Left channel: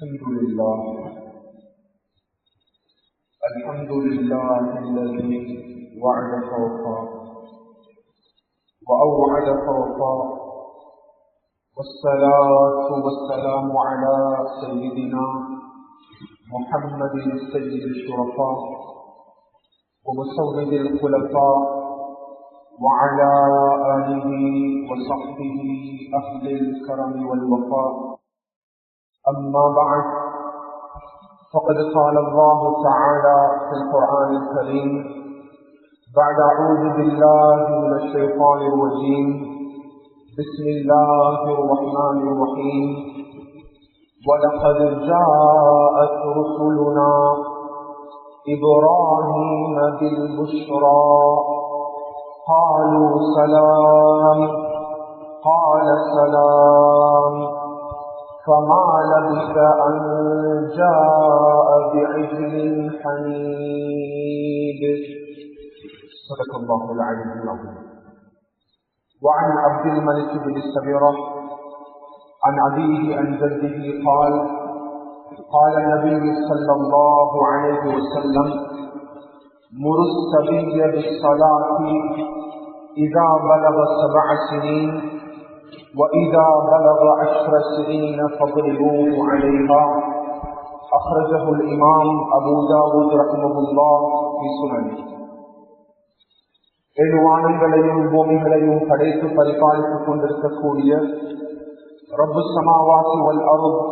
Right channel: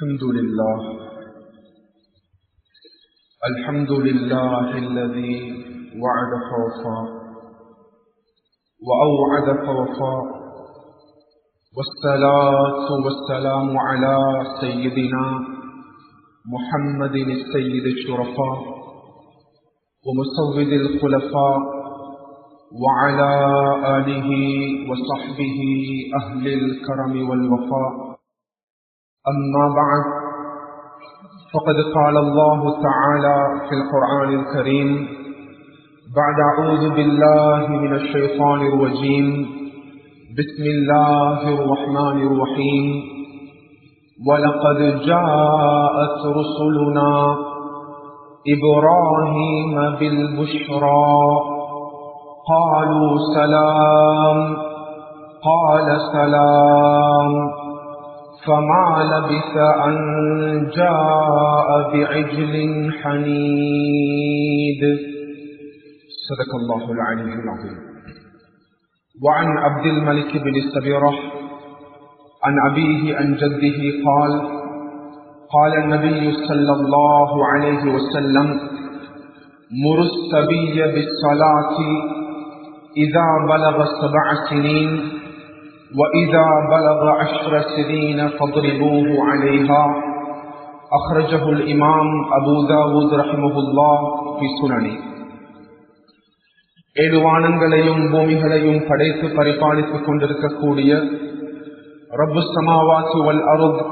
الحمد لله الذي وعد فوفى وأوعد فوفى والصلاة والسلام على سيدنا محمد السيد الشرفاء ومسود الخلفاء وعلى آله وصحبه أهل الكرم والوفاء. أما بعد، فقد قال الله تعالى في القرآن الكريم بعد أعوذ بالله من الشيطان الرجيم بسم الله الرحمن الرحيم ولقد جاءت رسلنا إبراهيم بالبشرى قالوا سلام قال سلام فما لبث أن جاء بعجل حنيذ. صدق الله العلي العظيم. وعن عبد الملك بن السبيرة عن أبيه عن جده قال قال النبي صلى الله عليه وسلم مر الصبي بالصلاة إذا بلغ 7 سنين وإذا بلغ 10 سنين فاضربوه عليها. أخرجه الإمام أبو داود رحمه الله في سننه. ஏழு வானங்களையும் பூமிகளையும் படைத்து பரிபாலித்துக் கொண்டிருக்கக்கூடிய ரப்பு ஸமாவாத்தி வல் அர்த்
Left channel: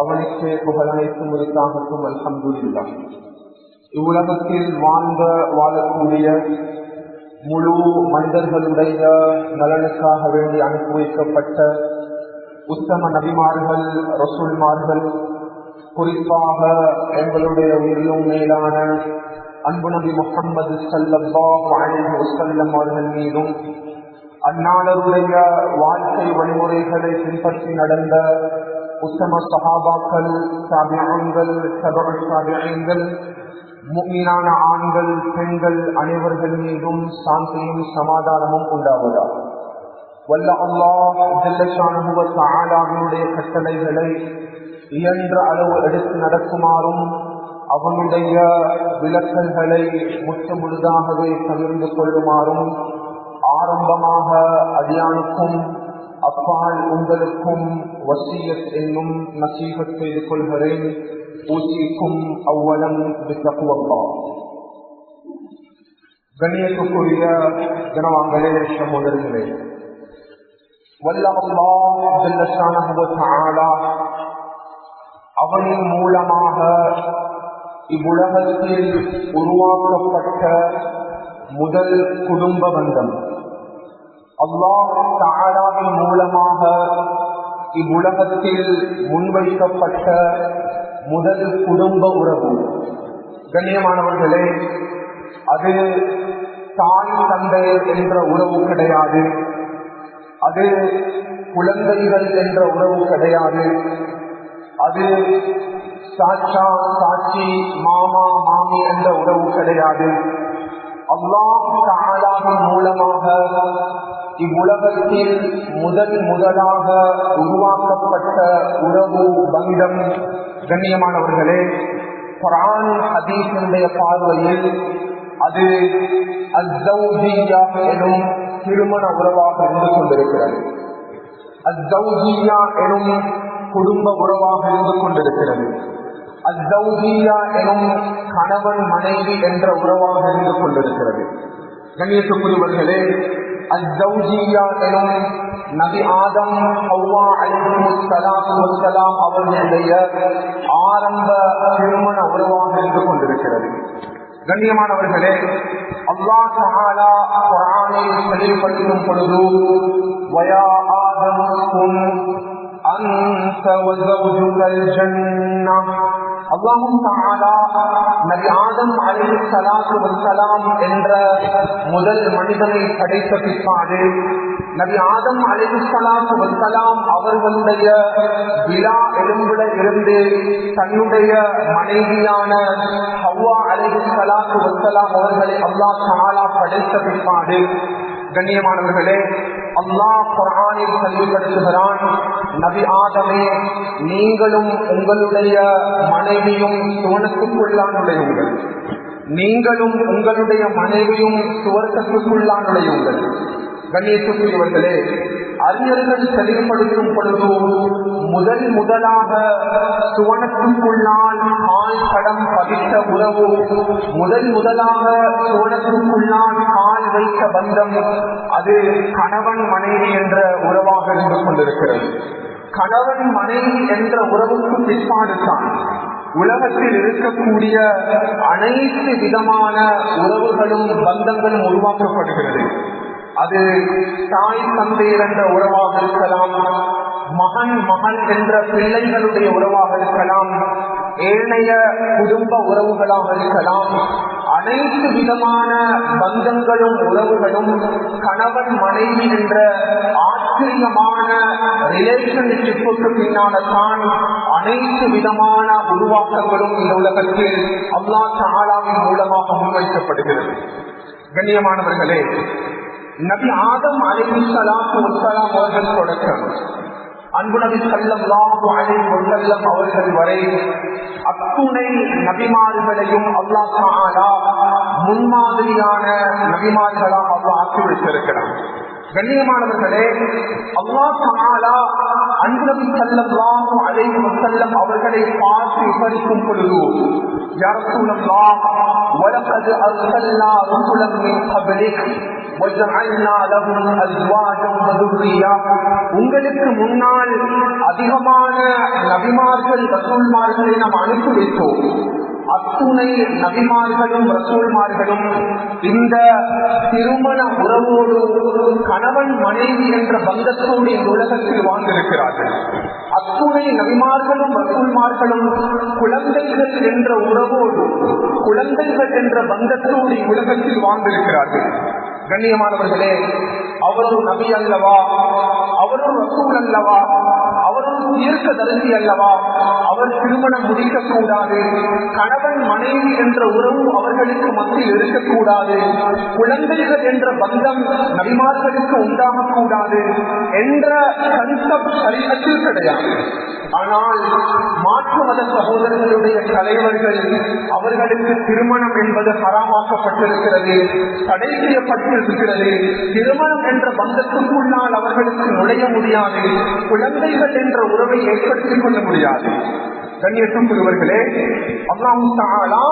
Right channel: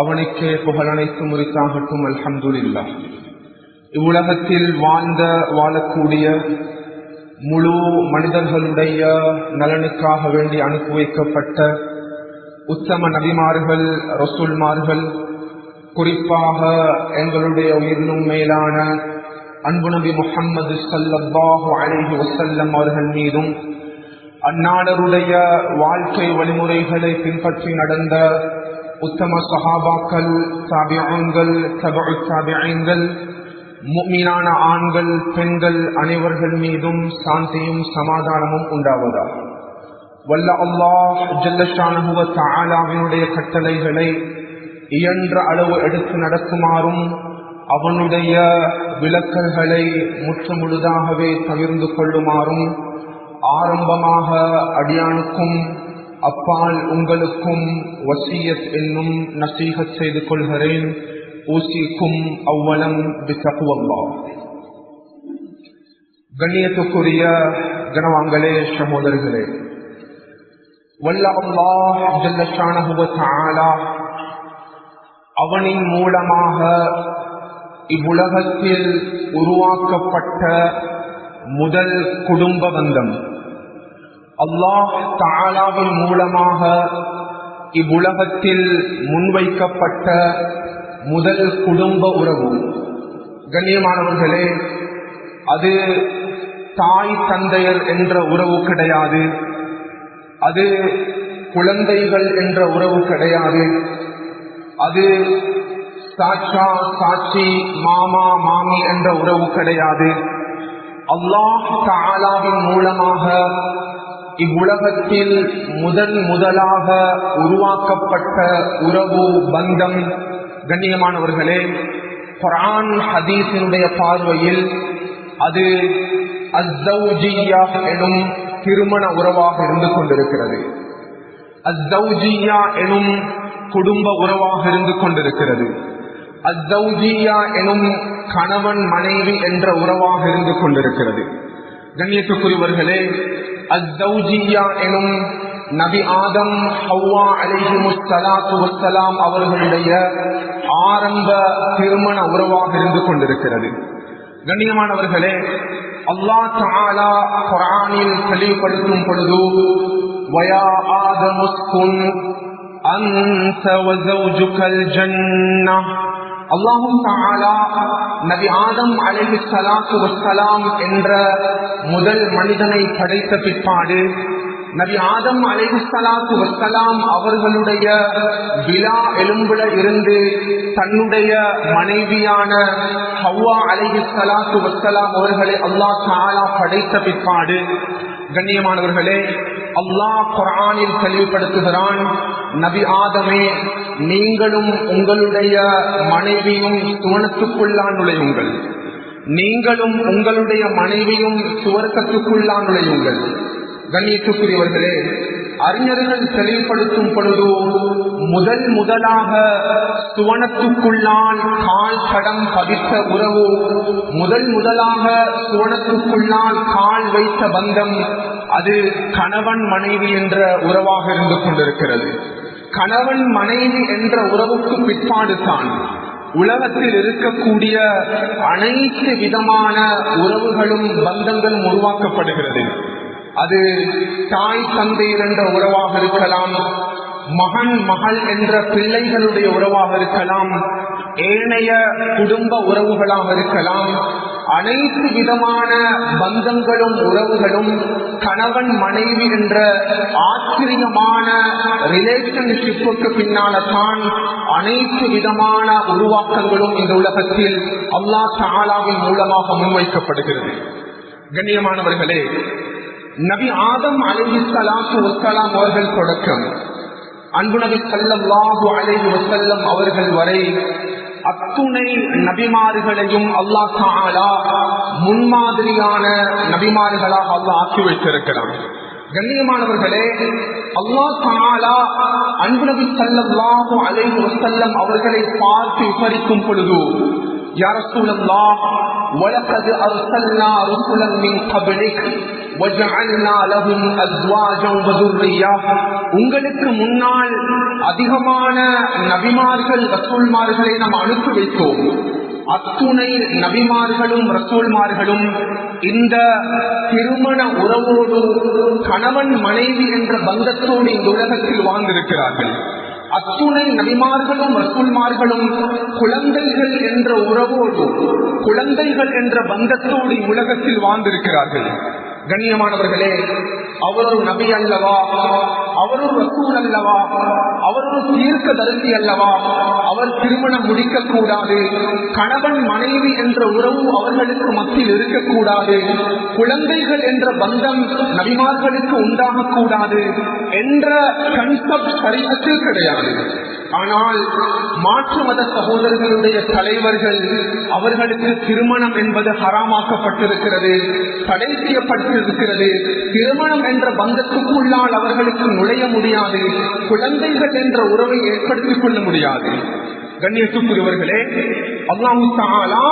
அவனுக்கே புகழ் அனைத்தும் உரித்தாகட்டும். அல்ஹம்துலில்லாஹ். இவ்வுலகத்தில் வாழக்கூடிய முழு மனிதர்களுடைய நலனுக்காக வேண்டி அனுப்பி வைக்கப்பட்ட உத்தம நபிமார்கள், ரசூல்மார்கள், குறிப்பாக எங்களுடைய உயிரினும் மேலான அன்பு நபி முஹம்மது ஸல்லல்லாஹு அலைஹி வஸல்லம் அவர்கள் மீதும் அந்நாடருடைய வாழ்க்கை வழிமுறைகளை பின்பற்றி நடந்த உத்தம சஹாபாக்கள், தாபிஈன்கள், தபஉ தாபிஈன்கள், முஃமினான ஆண்கள் பெண்கள் அனைவர்கள் மீதும் சாந்தியும் சமாதானமும் உண்டாவதாக. வல்ல அல்லாஹ் ஜல்ல ஷானஹு வ தஆலாவினுடைய கட்டளைகளை இயன்ற அளவு எடுத்து நடக்குமாறும் அவனுடைய விலக்கல்களை முற்றுமுழுதாகவே தவிர்ந்து கொள்ளுமாறும் ஆரம்பமாக அடியானுக்கும் அப்பால் உங்களுக்கும் வசியத் என்னும் நசீஹத் செய்து கொள்கிறேன். ஊசிக்கும் அவ்வலம் பித்தகுவல்லாஹ். கண்ணியத்துக்குரிய கனவான்களே, சகோதரர்களே, வல்ல அல்லாஹ் ஜல்ல ஷானஹு வ தஆலா அவனின் மூலமாக இவ்வுலகத்தில் உருவாக்கப்பட்ட முதல் குடும்ப பந்தம், அல்லாஹ் தஆலாவின் மூலமாக இவ்வுலகத்தில் முன்வைக்கப்பட்ட முதல் குடும்ப உறவு. கண்ணியமானவர்களே, அது தாய் தந்தையர் என்ற உறவு கிடையாது, அது குழந்தைகள் என்ற உறவு கிடையாது, அது சாச்சா சாச்சி மாமா மாமி என்ற உறவு கிடையாது. அல்லாஹ் தஆலாவின் மூலமாக இவ்வுலகத்தில் முதலாக உருவாக்கப்பட்ட உறவு பந்தம். கண்ணியமானவர்களே, குர்ஆன் ஹதீஸினுடைய பார்வையில் அது அஸ்ஸௌஜிய்யா எனும் திருமண உறவாக இருந்து கொண்டிருக்கிறது. அஸ்ஸௌஜிய்யா எனும் குடும்ப உறவாக இருந்து கொண்டிருக்கிறது. அஸ்ஸௌஜிய்யா எனும் கணவன் மனைவி என்ற உறவாக இருந்து கொண்டிருக்கிறது. கண்ணியத்துக்குரியவர்களே, அஸ்ஸௌஜிய்யா எனும் நபி ஆதம் ஹவ்வா அலைஹிமுஸ்ஸலாத்து வஸ்ஸலாம் அவர்களுடைய ஆரம்ப திருமண உறவாக இருந்து கொண்டிருக்கிறது. கண்ணியமானவர்களே, அல்லாஹ் தஆலா குர்ஆனில் தெளிவுபடுத்தும் பொழுது வயா ஆதமுஸ்குன் அன்த வஸௌஜுகல் ஜன்னஹ், அல்லாஹ் தஆலா நபி ஆதம் அலைஹிஸ்ஸலாத்து வஸ்ஸலாம் என்ற முதல் மனிதனை படைத்த பிற்பாடு நபி ஆதம் அலைஹிஸ்ஸலாத்து வஸ்ஸலாம் அவர்களுடைய விலா எலும்புல இருந்து தன்னுடைய மனைவியான ஹவ்வா அலைஹிஸ்ஸலாத்து வஸ்ஸலாம் அவர்களை அல்லாஹ் தஆலா படைத்த பிற்பாடு கண்ணியமானவர்களே, அல்லாஹ் குர்ஆனில் தெளிவுபடுத்துகிறான், நபி ஆதமே, நீங்களும் உங்களுடைய மனைவியும் சுவனத்துக்குள்ளான் நுழையுங்கள், நீங்களும் உங்களுடைய மனைவியும் சுவர்க்கத்துக்குள்ளான் நுழையுங்கள். கண்ணியத்துக்குரியவர்களே, அறிஞர்கள் தெளிவுபடுத்தும் பொழுது முதலாக சுவனத்துக்குள்ளான் கால் கடம் பதித்த உறவு, முதலாக சுவனத்துக்குள்ளான் கால் வைத்த பந்தம், அது கணவன் மனைவி என்ற உறவாக இருந்து கொண்டிருக்கிறது. கணவன் மனைவி என்ற உறவுக்கு பிற்பாடுதான் உலகத்தில் இருக்கக்கூடிய அனைத்து விதமான உறவுகளும் பந்தங்களும் உருவாக்கப்படுகிறது. அது தாய் தந்தையர் என்ற உறவாக இருக்கலாம், மகன் மகள் என்ற பிள்ளைகளுடைய உறவாக இருக்கலாம், ஏனைய குடும்ப உறவுகளாக இருக்கலாம். அனைத்து விதமான பந்தங்களும் உறவுகளும் கணவன் மனைவி என்ற ஆச்சரியமான ரிலேஷன்ஷிப்புக்கு பின்னால்தான் அனைத்து விதமான உருவாக்கங்களும் இந்த உலகத்தில் அல்லாஹ் தஆலாவின் மூலமாக முன்வைக்கப்படுகிறது. கண்ணியமானவர்களே, நபி ஆதம் அலைஹிஸ்ஸலாத்து வஸ்ஸலாம் அவர்கள் தொடக்கம் அன்பு நபி ஸல்லல்லாஹு அலைஹி வஸல்லம் அவர்கள் வரை அத்துணை நபிமார்களையும் அல்லாஹ் தஆலா முன்மாதிரியான நபிமார்களாக அல்லாஹ் ஆக்கி வைத்திருக்கிறார். கண்ணியமானவர்களே, அல்லாஹ் தஆலா அன்பு நபி ஸல்லல்லாஹு அலைஹி வஸல்லம் அவர்களை பார்த்து விவரிக்கும் பொழுது, யா ரசூலல்லாஹ், வலகத் அர்ஸல்னா ரசூலன் மின் கப்லிக் வஜஅல்னா லஹும் அஸ்வாஜன் வதுர்ரியா, உங்களுக்கு முன்னால் அதிகமான நபிமார்கள் ரசூல்மார்களை நாம் அனுப்பி வைத்தோம். அத்துணை நபிமார்களும் ரசூல்மார்களும் இந்த திருமண உறவோடு கணவன் மனைவி என்ற பந்தத்தோடு இந்த உலகத்தில் வாழ்ந்திருக்கிறார்கள். அத்துணை நபிமார்களும் ரசூல்மார்களும் குழந்தைகள் என்ற உறவோடு, குழந்தைகள் என்ற பந்தத்தோடு உலகத்தில் வாழ்ந்திருக்கிறார்கள். கண்ணியமானவர்களே, அவர் ஒரு நபி அல்லவா, அவர் ஒரு ரசூல் அல்லவா, அவர் ஒரு தீர்க்கதரிசி அல்லவா, அவர் திருமணம் முடிக்கக்கூடாது, கணவன் மனைவி என்ற உறவு அவர்களுக்கு மத்தியில் இருக்கக்கூடாது, குழந்தைகள் என்ற பந்தம் நபிமார்களுக்கு உண்டாகக்கூடாது என்ற கன்செப்ட் ஷரீஅத்தில் கிடையாது. ஆனால் மாற்று மத சகோதரர்களுடைய தலைவர்கள் அவர்களுக்கு திருமணம் என்பது ஹராமாக்கப்பட்டிருக்கிறது, தடை செய்யப்பட்டிருக்கிறது. திருமணம் என்ற பந்தத்துக்குள்ளால் அவர்களுக்கு நுழைய முடியாது, குழந்தைகள் என்ற உறவை ஏற்படுத்திக் கொள்ள முடியாது. கண்ணியத்துக்குரியவர்களே, அல்லாஹ் தஆலா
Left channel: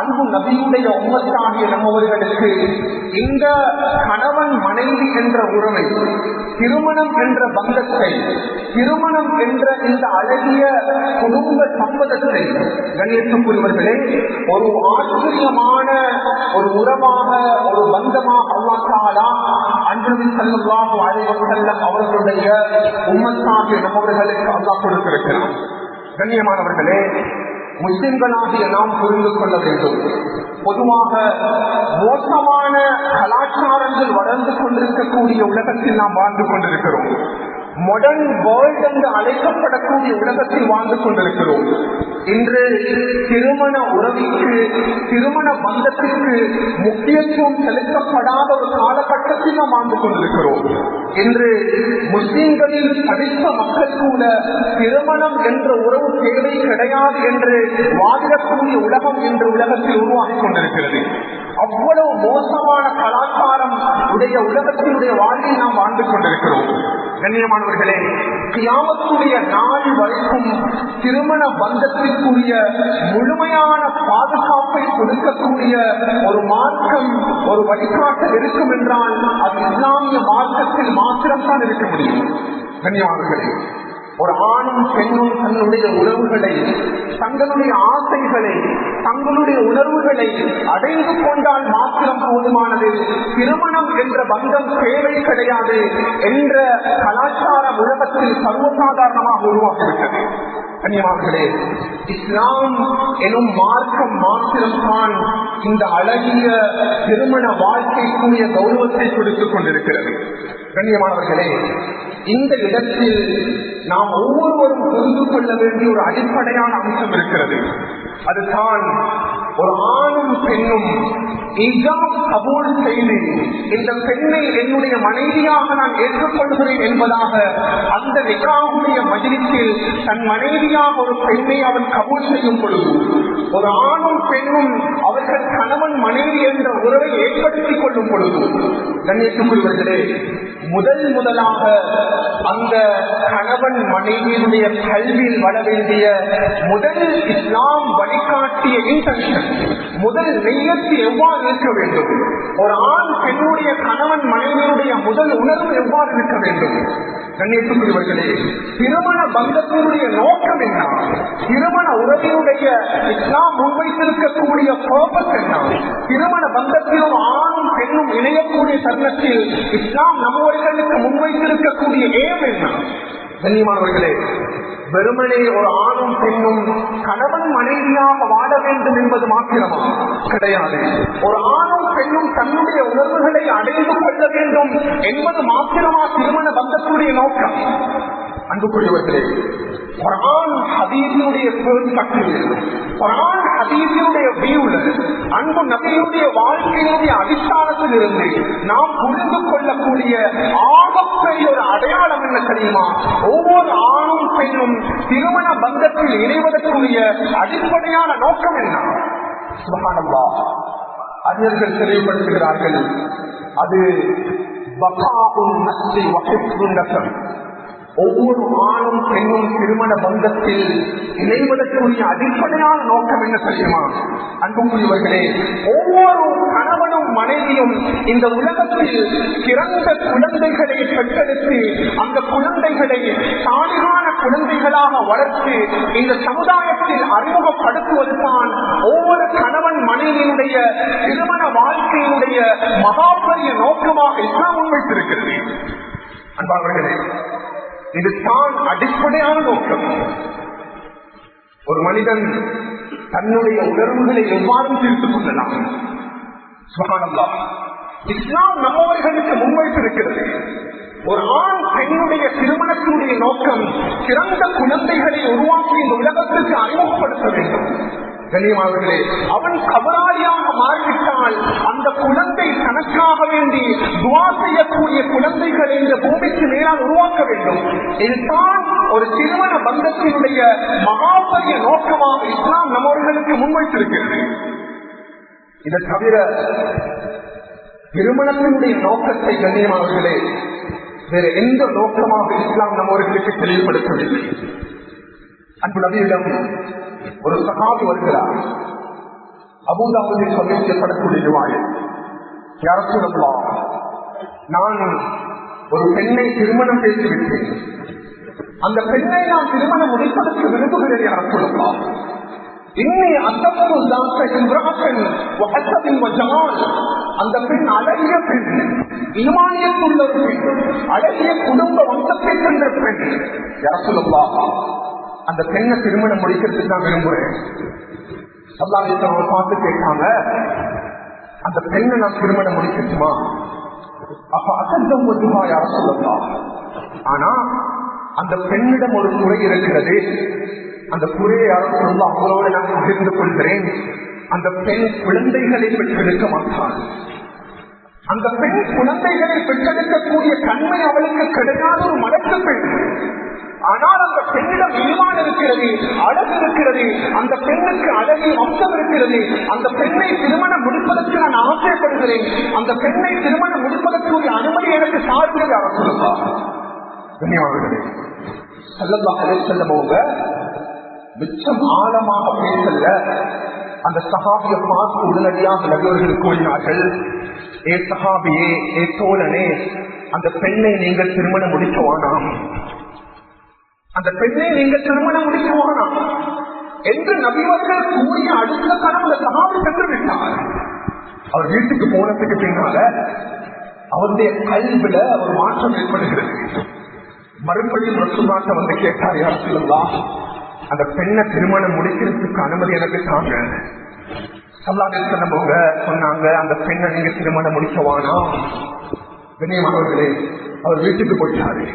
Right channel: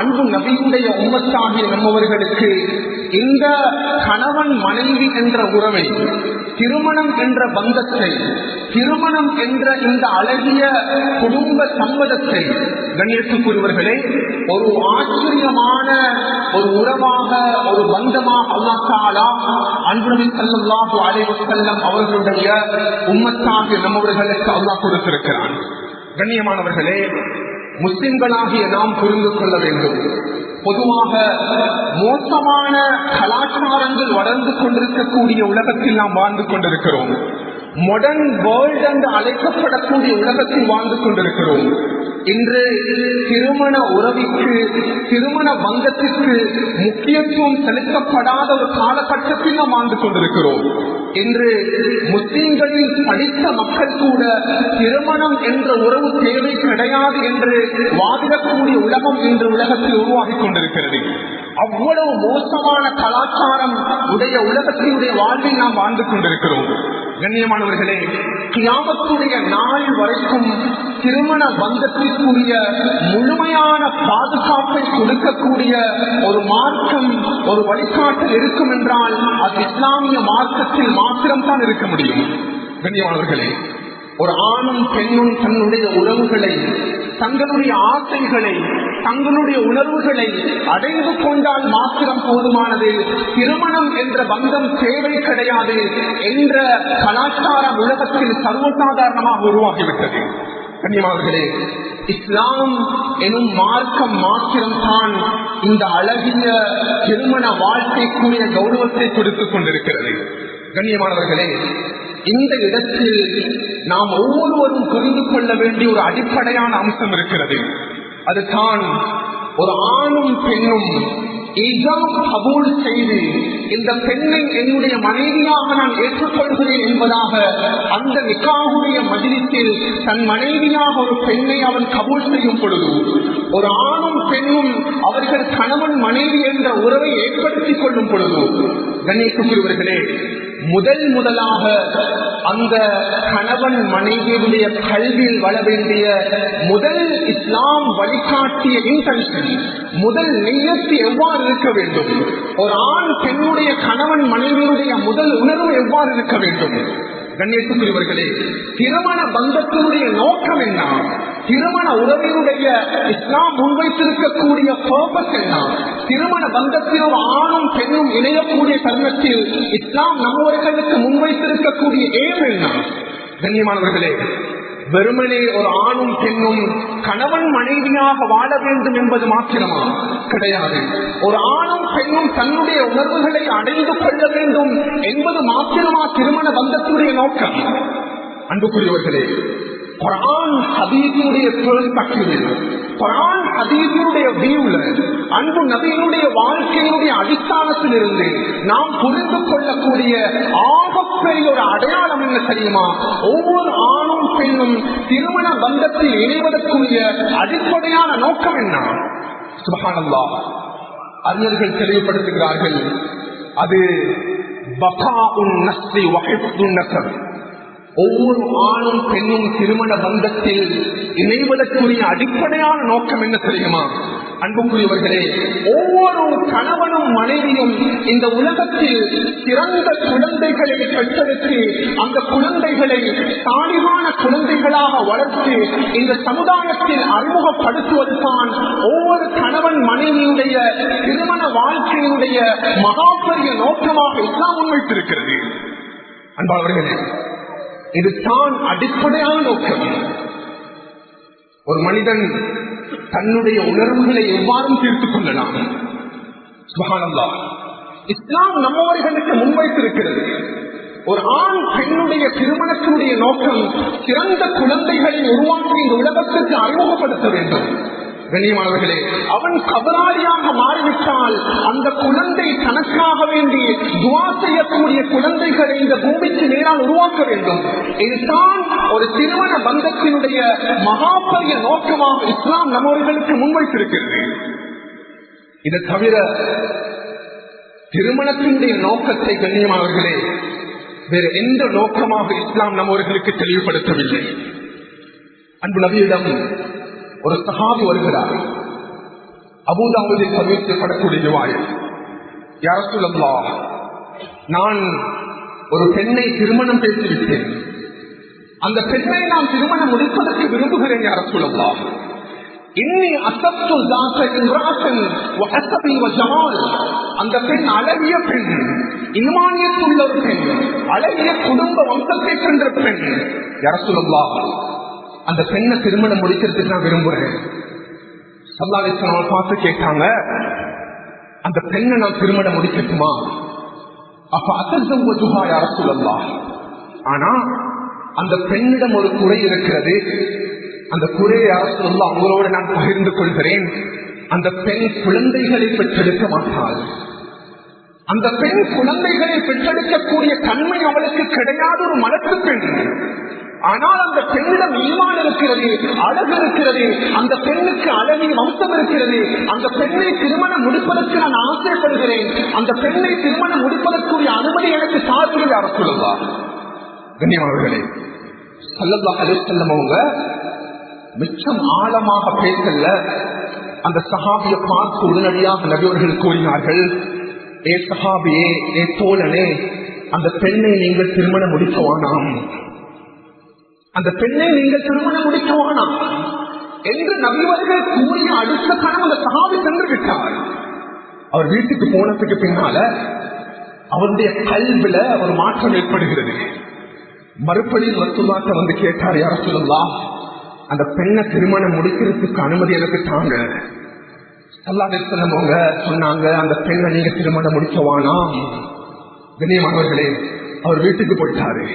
அன்பு நபியுடைய உம்மத்தாகிய நம்மவர்களுக்கு இந்த கணவன் மனைவி என்ற உறவை, திருமணம் என்ற பந்தத்தை, திருமணம் என்ற இந்த அழகிய குடும்ப சம்பதத்தை, கண்ணியத்துக்குரியவர்களே, ஒரு ஆச்சரியமான ஒரு உறவாக, ஒரு பந்தமாக அல்லாஹ் தஆலா அன்பு நபி ஸல்லல்லாஹு அலைஹி வஸல்லம் அவர்களுடைய உம்மத்தாகிய நம்மவர்களுக்கு அல்லாஹ் கொடுத்திருக்கிறான். கண்ணியமானவர்களே, முஸ்லிம்களாகிய நாம் புரிந்து கொள்ள வேண்டும், பொதுவாக மோசமான கலாச்சாரங்கள் வளர்ந்து கொண்டிருக்கக்கூடிய உலகத்தில் நாம் வாழ்ந்து கொண்டிருக்கிறோம். மாடர்ன் வேர்ல்ட் என்று அழைக்கப்படக்கூடிய உலகத்தில் வாழ்ந்து கொண்டிருக்கிறோம். இன்று திருமண உறவிற்கு, திருமண பந்தத்திற்கு முக்கியத்துவம் செலுத்தப்படாத ஒரு காலகட்டத்தில் நாம் வாழ்ந்து கொண்டிருக்கிறோம். இன்று முஸ்லிம்களில் படித்த மக்கள் கூட திருமணம் என்ற உறவு தேவை கிடையாது என்று வாதிடக்கூடிய உலகம் இன்று உலகத்தில் உருவாகி கொண்டிருக்கிறது. அவ்வளவு மோசமான கலாச்சாரம் உடைய உலகத்தினுடைய வாழ்வில் நாம் வாழ்ந்து கொண்டிருக்கிறோம். கண்ணியமானவர்களே, கியாமத்துடைய நாள் வரைக்கும் திருமண பந்தத்திற்குரிய முழுமையான பாதுகாப்பை கொடுக்கக்கூடிய ஒரு மார்க்கம், ஒரு வழிகாட்டல் இருக்கும் என்றால் அது இஸ்லாமிய மார்க்கத்தில் மாத்திரம்தான் இருக்க முடியும். கண்ணியமானவர்களே, ஒரு ஆணும் பெண்ணும் தன்னுடைய உறவுகளை, தங்களுடைய ஆசைகளை, தங்களுடைய உணர்வுகளை அடைந்து கொண்டால் மாத்திரம் போதுமானது, திருமணம் என்ற பந்தம் தேவை கிடையாது என்ற கலாச்சாரம் உலகத்தில் சர்வசாதாரணமாக உருவாகிவிட்டது. கண்ணியமானவர்களே, இஸ்லாம் எனும் மார்க்கம் மாத்திரம்தான் இந்த அழகிய திருமண வாழ்க்கைக்குரிய கௌரவத்தை கொடுத்துக் கொண்டிருக்கிறது. கண்ணியமானவர்களே, இந்த இடத்தில் நாம் ஒவ்வொருவரும் புரிந்து கொள்ள வேண்டிய ஒரு அடிப்படையான அம்சம் இருக்கிறது. அதுதான் ஒரு ஆணும் பெண்ணும் ஈஜாப் கபூல் செய்து இந்த பெண்ணை என்னுடைய மனைவியாக நான் ஏற்றுக்கொள்கிறேன் என்பதாக அந்த நிக்காஹுடைய மஜ்லிஸில் தன் மனைவியாக ஒரு பெண்ணை அவன் கபூல் செய்யும் பொழுது, ஒரு ஆணும் பெண்ணும் அவர்கள் கணவன் மனைவி என்ற உறவை ஏற்படுத்திக் கொள்ளும் பொழுது, கண்ணியத்துக்குரியவர்களே, முதலாக அந்த கணவன் மனைவியுடைய கல்வியில் வள வேண்டிய முதல் இஸ்லாம் வழிகாட்டிய இன்டென்ஷன், முதல் நியத்து எவ்வாறு இருக்க வேண்டும், ஒரு ஆண் பெண்ணுடைய கணவன் மனைவியுடைய முதல் உணர்வு எவ்வாறு இருக்க வேண்டும்? கண்ணியத்துக்குரியவர்களே, திருமண பந்தத்தினுடைய நோக்கம் என்ன? திருமண உறவினுடைய இஸ்லாம் முன்வைத்திருக்கக்கூடிய பர்பஸ் என்ன? திருமண பந்தத்தில் ஒரு ஆணும் பெண்ணும் இணையக்கூடிய தருணத்தில் இஸ்லாம் நம்மவர்களுக்கு முன்வைத்திருக்கக்கூடிய ஏம் என்ன? கண்ணியமானவர்களே, வெறுமனே ஒரு ஆணும் பெண்ணும் கணவன் மனைவியாக வாழ வேண்டும் என்பது மாத்திரமா? கிடையாது. ஒரு ஆணும் பெண்ணும் தன்னுடைய உணர்வுகளை அடைந்து கொள்ள வேண்டும் என்பது மாத்திரமா திருமண பந்தத்துடைய நோக்கம்? அன்புக்குரியவர்களே, குர்ஆன் ஹதீஸுடைய பெர்ஸ்பெக்டிவில், குர்ஆன் ஹதீஸுடைய வியூல, அன்பு நபியினுடைய வாழ்க்கையினுடைய அடிസ്ഥാனத்தில் இருந்து நாம் புரிந்து கொள்ளக்கூடிய ஆகப்பெரிய ஒரு அடையாளம் என்ன தெரியுமா? ஒவ்வொரு ஆணும் பெண்ணும் திருமண பந்தத்தில் இணைவதற்குரிய அடிப்படையான நோக்கம் என்ன? சுப்ஹானல்லாஹ், அறிஞர்கள் தெளிவுபடுத்துகிறார்கள், அது பகாஉன் நஸ்லி வ ஹிஃப்துன் நஸப். ஒவ்வொரு ஆணும் பெண்ணும் திருமண பந்தத்தில் இணைவதற்குரிய அடிப்படையான நோக்கம் என்ன தெரியுமா? அன்புக்குரியவர்களே, ஒவ்வொரு கணவனும் மனைவியும் இந்த உலகத்தில் சிறந்த குழந்தைகளை பெற்றெடுத்து அந்த குழந்தைகளை சாலிகான குழந்தைகளாக வளர்த்து இந்த சமுதாயத்தில் அறிமுகப்படுத்துவதுதான் ஒவ்வொரு கணவன் மனைவியுடைய திருமண வாழ்க்கையினுடைய மகாபெரிய நோக்கமாக இஸ்லாம் முன்வைத்திருக்கிறது. அன்பானவர்களே, இதுதான் அடிப்படையான நோக்கம். ஒரு மனிதன் தன்னுடைய உணர்வுகளை எவ்வாறு தீர்த்துக் கொள்ளலாம்? சுப்ஹானல்லாஹ், இஸ்லாம் நம்மவர்களுக்கு முன்வைத்திருக்கிறது. ஒரு ஆண் பெண்ணுடைய திருமணத்தினுடைய நோக்கம் சிறந்த குழந்தைகளை உருவாக்கி இந்த உலகத்திற்கு அறிமுகப்படுத்த வேண்டும். கண்ணியமானவர்களே, அவன் கபராளியாக மாறிவிட்டால் அந்த குழந்தை தனக்காக வேண்டி துஆ செய்யக்கூடிய குழந்தைகளை இந்த பூமிக்கு நேராக உருவாக்க வேண்டும். இதுதான் ஒரு திருமண பந்தத்தினுடைய மகாபெரிய நோக்கமாக இஸ்லாம் நம்மவர்களுக்கு முன்வைத்திருக்கிறது. இதை தவிர திருமணத்தினுடைய நோக்கத்தை, கண்ணியமானவர்களே, வேற எந்த நோக்கமாக இஸ்லாம் நம்மவர்களுக்கு தெளிவுபடுத்தவில்லை. அன்பு நபியிடம் ஒரு சஹாபி வருகிறார். அபூதாவுதில் சமீபிக்கப்படக்கூடிய ரிவாயத், யா ரசூலல்லாஹ், நான் ஒரு பெண்ணை திருமணம் பேசிவிட்டேன். அந்த பெண்ணை நான் திருமணம் முடிப்பதற்கு விரும்புகிறேன். யா ரசூலல்லாஹ், இன்னி அஸப்து ஸாத இம்ராஅத்தன் வ ஹஸபின் வ ஜமால். அந்த பெண் அழகிய பெண், ஈமானியத்துள்ள ஒரு பெண், அழகிய குடும்ப வம்சத்தை கொண்ட பெண். யா ரசூலல்லாஹ், அந்த பெண்ணை திருமணம் முடிக்கிறதுக்கு நான் விரும்புறேன். ஸல்லல்லாஹு அலைஹி வஸல்லம் பார்த்து கேட்டாங்க, அந்த பெண்ணை நான் திருமணம் முடிக்கட்டுமா? அப்ப அஸஸவஜுஹா யா ரசூலல்லாஹ், ஆனா அந்த பெண்ணிடம் ஒரு குறை இருக்கிறது. அந்த குறையை யா ரசூலல்லாஹ் அவங்களோட நான் பகிர்ந்து கொள்கிறேன். அந்த பெண் குழந்தைகளை பெற்றெடுக்க மாட்டாள். அந்த பெண் குழந்தைகளை பெற்றெடுக்கக்கூடிய தன்மை அவளுக்கு கிடையாத ஒரு மலட்டு பெண். ஆனால் அந்த பெண்ணிடம் ஈமான் இருக்கிறது, அழகு இருக்கிறது, அந்த பெண்ணுக்கு அழகிய வம்சம் இருக்கிறது. அந்த பெண்ணை திருமணம் முடிப்பதற்கு நான் ஆசைப்படுகிறேன். அந்த பெண்ணை திருமணம் முடிப்பதற்குரிய அனுமதி எனக்கு சார்பில் யா ரசூலல்லாஹ். கண்ணியமானவர்களே, ஸல்லல்லாஹு அலைஹி வஸல்லம் அவங்க மிச்சம் ஆழமாக பேசல. அந்த சஹாபியை பார்த்து உடனடியாக நபியவர்கள் கூறினார்கள், ஏ சஹாபியே, ஏ தோழனே, அந்த பெண்ணை நீங்கள் திருமணம் முடிக்க வேணாம், அந்த பெண்ணை நீங்கள் திருமணம் முடிக்க வேணாம் என்று நபியவர்கள் கூறிய அடுத்த கணம் அந்த சஹாபி சென்று விட்டார். அவர் வீட்டுக்கு போனதுக்கு பின்னால அவருடைய கல்வில ஒரு மாற்றம் ஏற்படுகிறது. மறுபடியும் ரசூலுல்லாஹ் வந்து கேட்டார், யா ரசூலல்லாஹ், அந்த பெண்ணை திருமணம் முடிக்கிறதுக்கு அனுமதி எனக்கு தாங்க. ஸல்லல்லாஹு அலைஹி வஸல்லம் அவங்க சொன்னாங்க, அந்த பெண்ணை நீங்க திருமணம் முடிக்க வேணாம். கண்ணியமானவர்களே, அவர் வீட்டுக்கு போயிட்டாரு.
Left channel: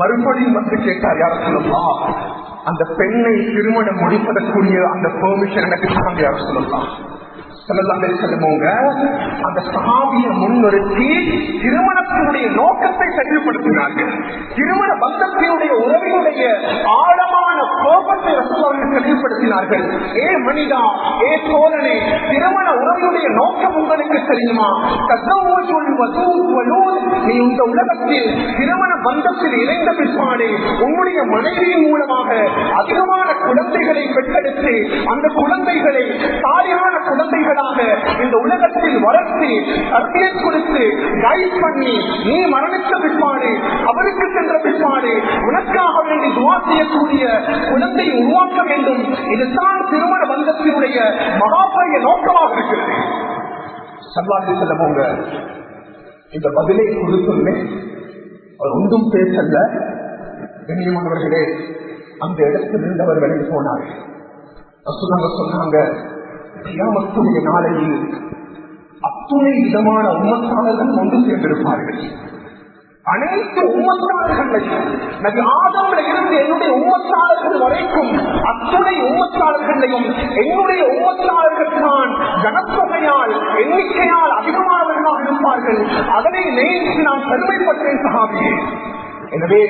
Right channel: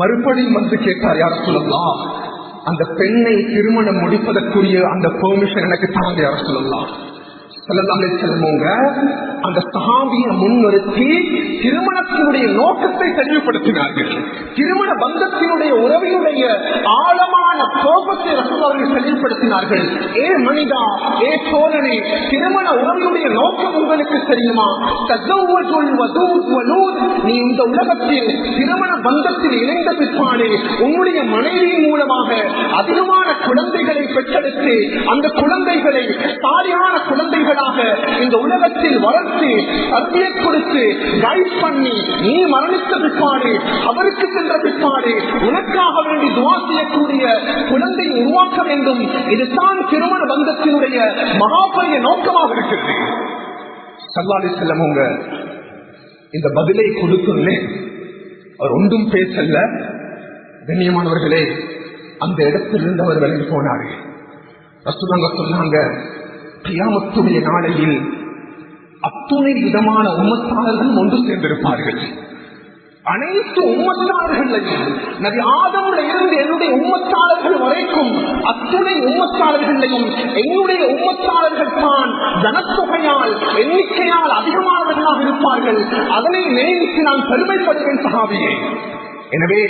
மறுபடியும் வந்து கேட்டார், யா ரசூலல்லாஹ், அந்த பெண்ணை திருமணம் முடிப்பதற்குரிய அந்த பெர்மிஷன் எனக்கு தாங்க யா ரசூலல்லாஹ். ஸல்லல்லாஹு அலைஹி வஸல்லம் அந்த சஹாபியை முன்னிறுத்தி திருமணத்தினுடைய நோக்கத்தை தெளிவுபடுத்தினார்கள். திருமண பந்தத்தினுடைய உறவினுடைய ஆழமான கோபத்தை ரசூலுல்லாஹ் தெளிவுபடுத்தினார்கள். ஏ மனிதா, ஏ சோழனே, திருமண உறவினுடைய நோக்கம் உங்களுக்கு தெரியுமா? தஸவ்வஜுல் வதூத் வலூத், நீ இந்த உலகத்தில் திருமண பந்தத்தில் இணைந்த பிற்பாடு உன்னுடைய மனைவியின் மூலமாக அதிகமான குழந்தைகளை பெற்றெடுத்து அந்த குழந்தைகளை சாலிஹான குழந்தைகளாக இந்த உலகத்தில் வளர்த்து தர்பியை கொடுத்து கைட் பண்ணி நீ மரணித்த பிற்பாடு அவருக்கு சென்ற பிற்பாடு உனக்காக வேண்டி துஆ செய்யக்கூடிய குழந்தை உருவாக்க வேண்டும். இதுதான் திருமண பந்தத்தினுடைய மகாபெரிய நோக்கமாக இருக்கிறது. ஸல்லல்லாஹு அலைஹி வஸல்லம் இந்த பதிலை கொடுத்துள்ளே அவர் ஒன்றும் பேசல. கண்ணியமானவர்களே, அந்த இடத்திலிருந்து அவர் விலகி போனார்கள். ரசூலுல்லாஹ் சொன்னாங்க, கியாமத்துடைய நாளையில் அத்துணை விதமான உம்மத்தாளர்கள் ஒன்று சேர்ந்திருப்பார்கள். அனைத்து உம்மத்தாளர்களையும் நபி ஆதம்ல இருந்து என்னுடைய உம்மத்தாளர்கள் வரைக்கும் அத்துணை உம்மத்தாளர்களையும் என்னுடைய உம்மத்தாளர்கள் தான் ஜனத்தொகையால் எண்ணிக்கையால் அதிகமானவர்களாக இருப்பார்கள். அதனை நினைத்து நான் பெருமைப்படுகிறேன் சஹாபியே. எனவே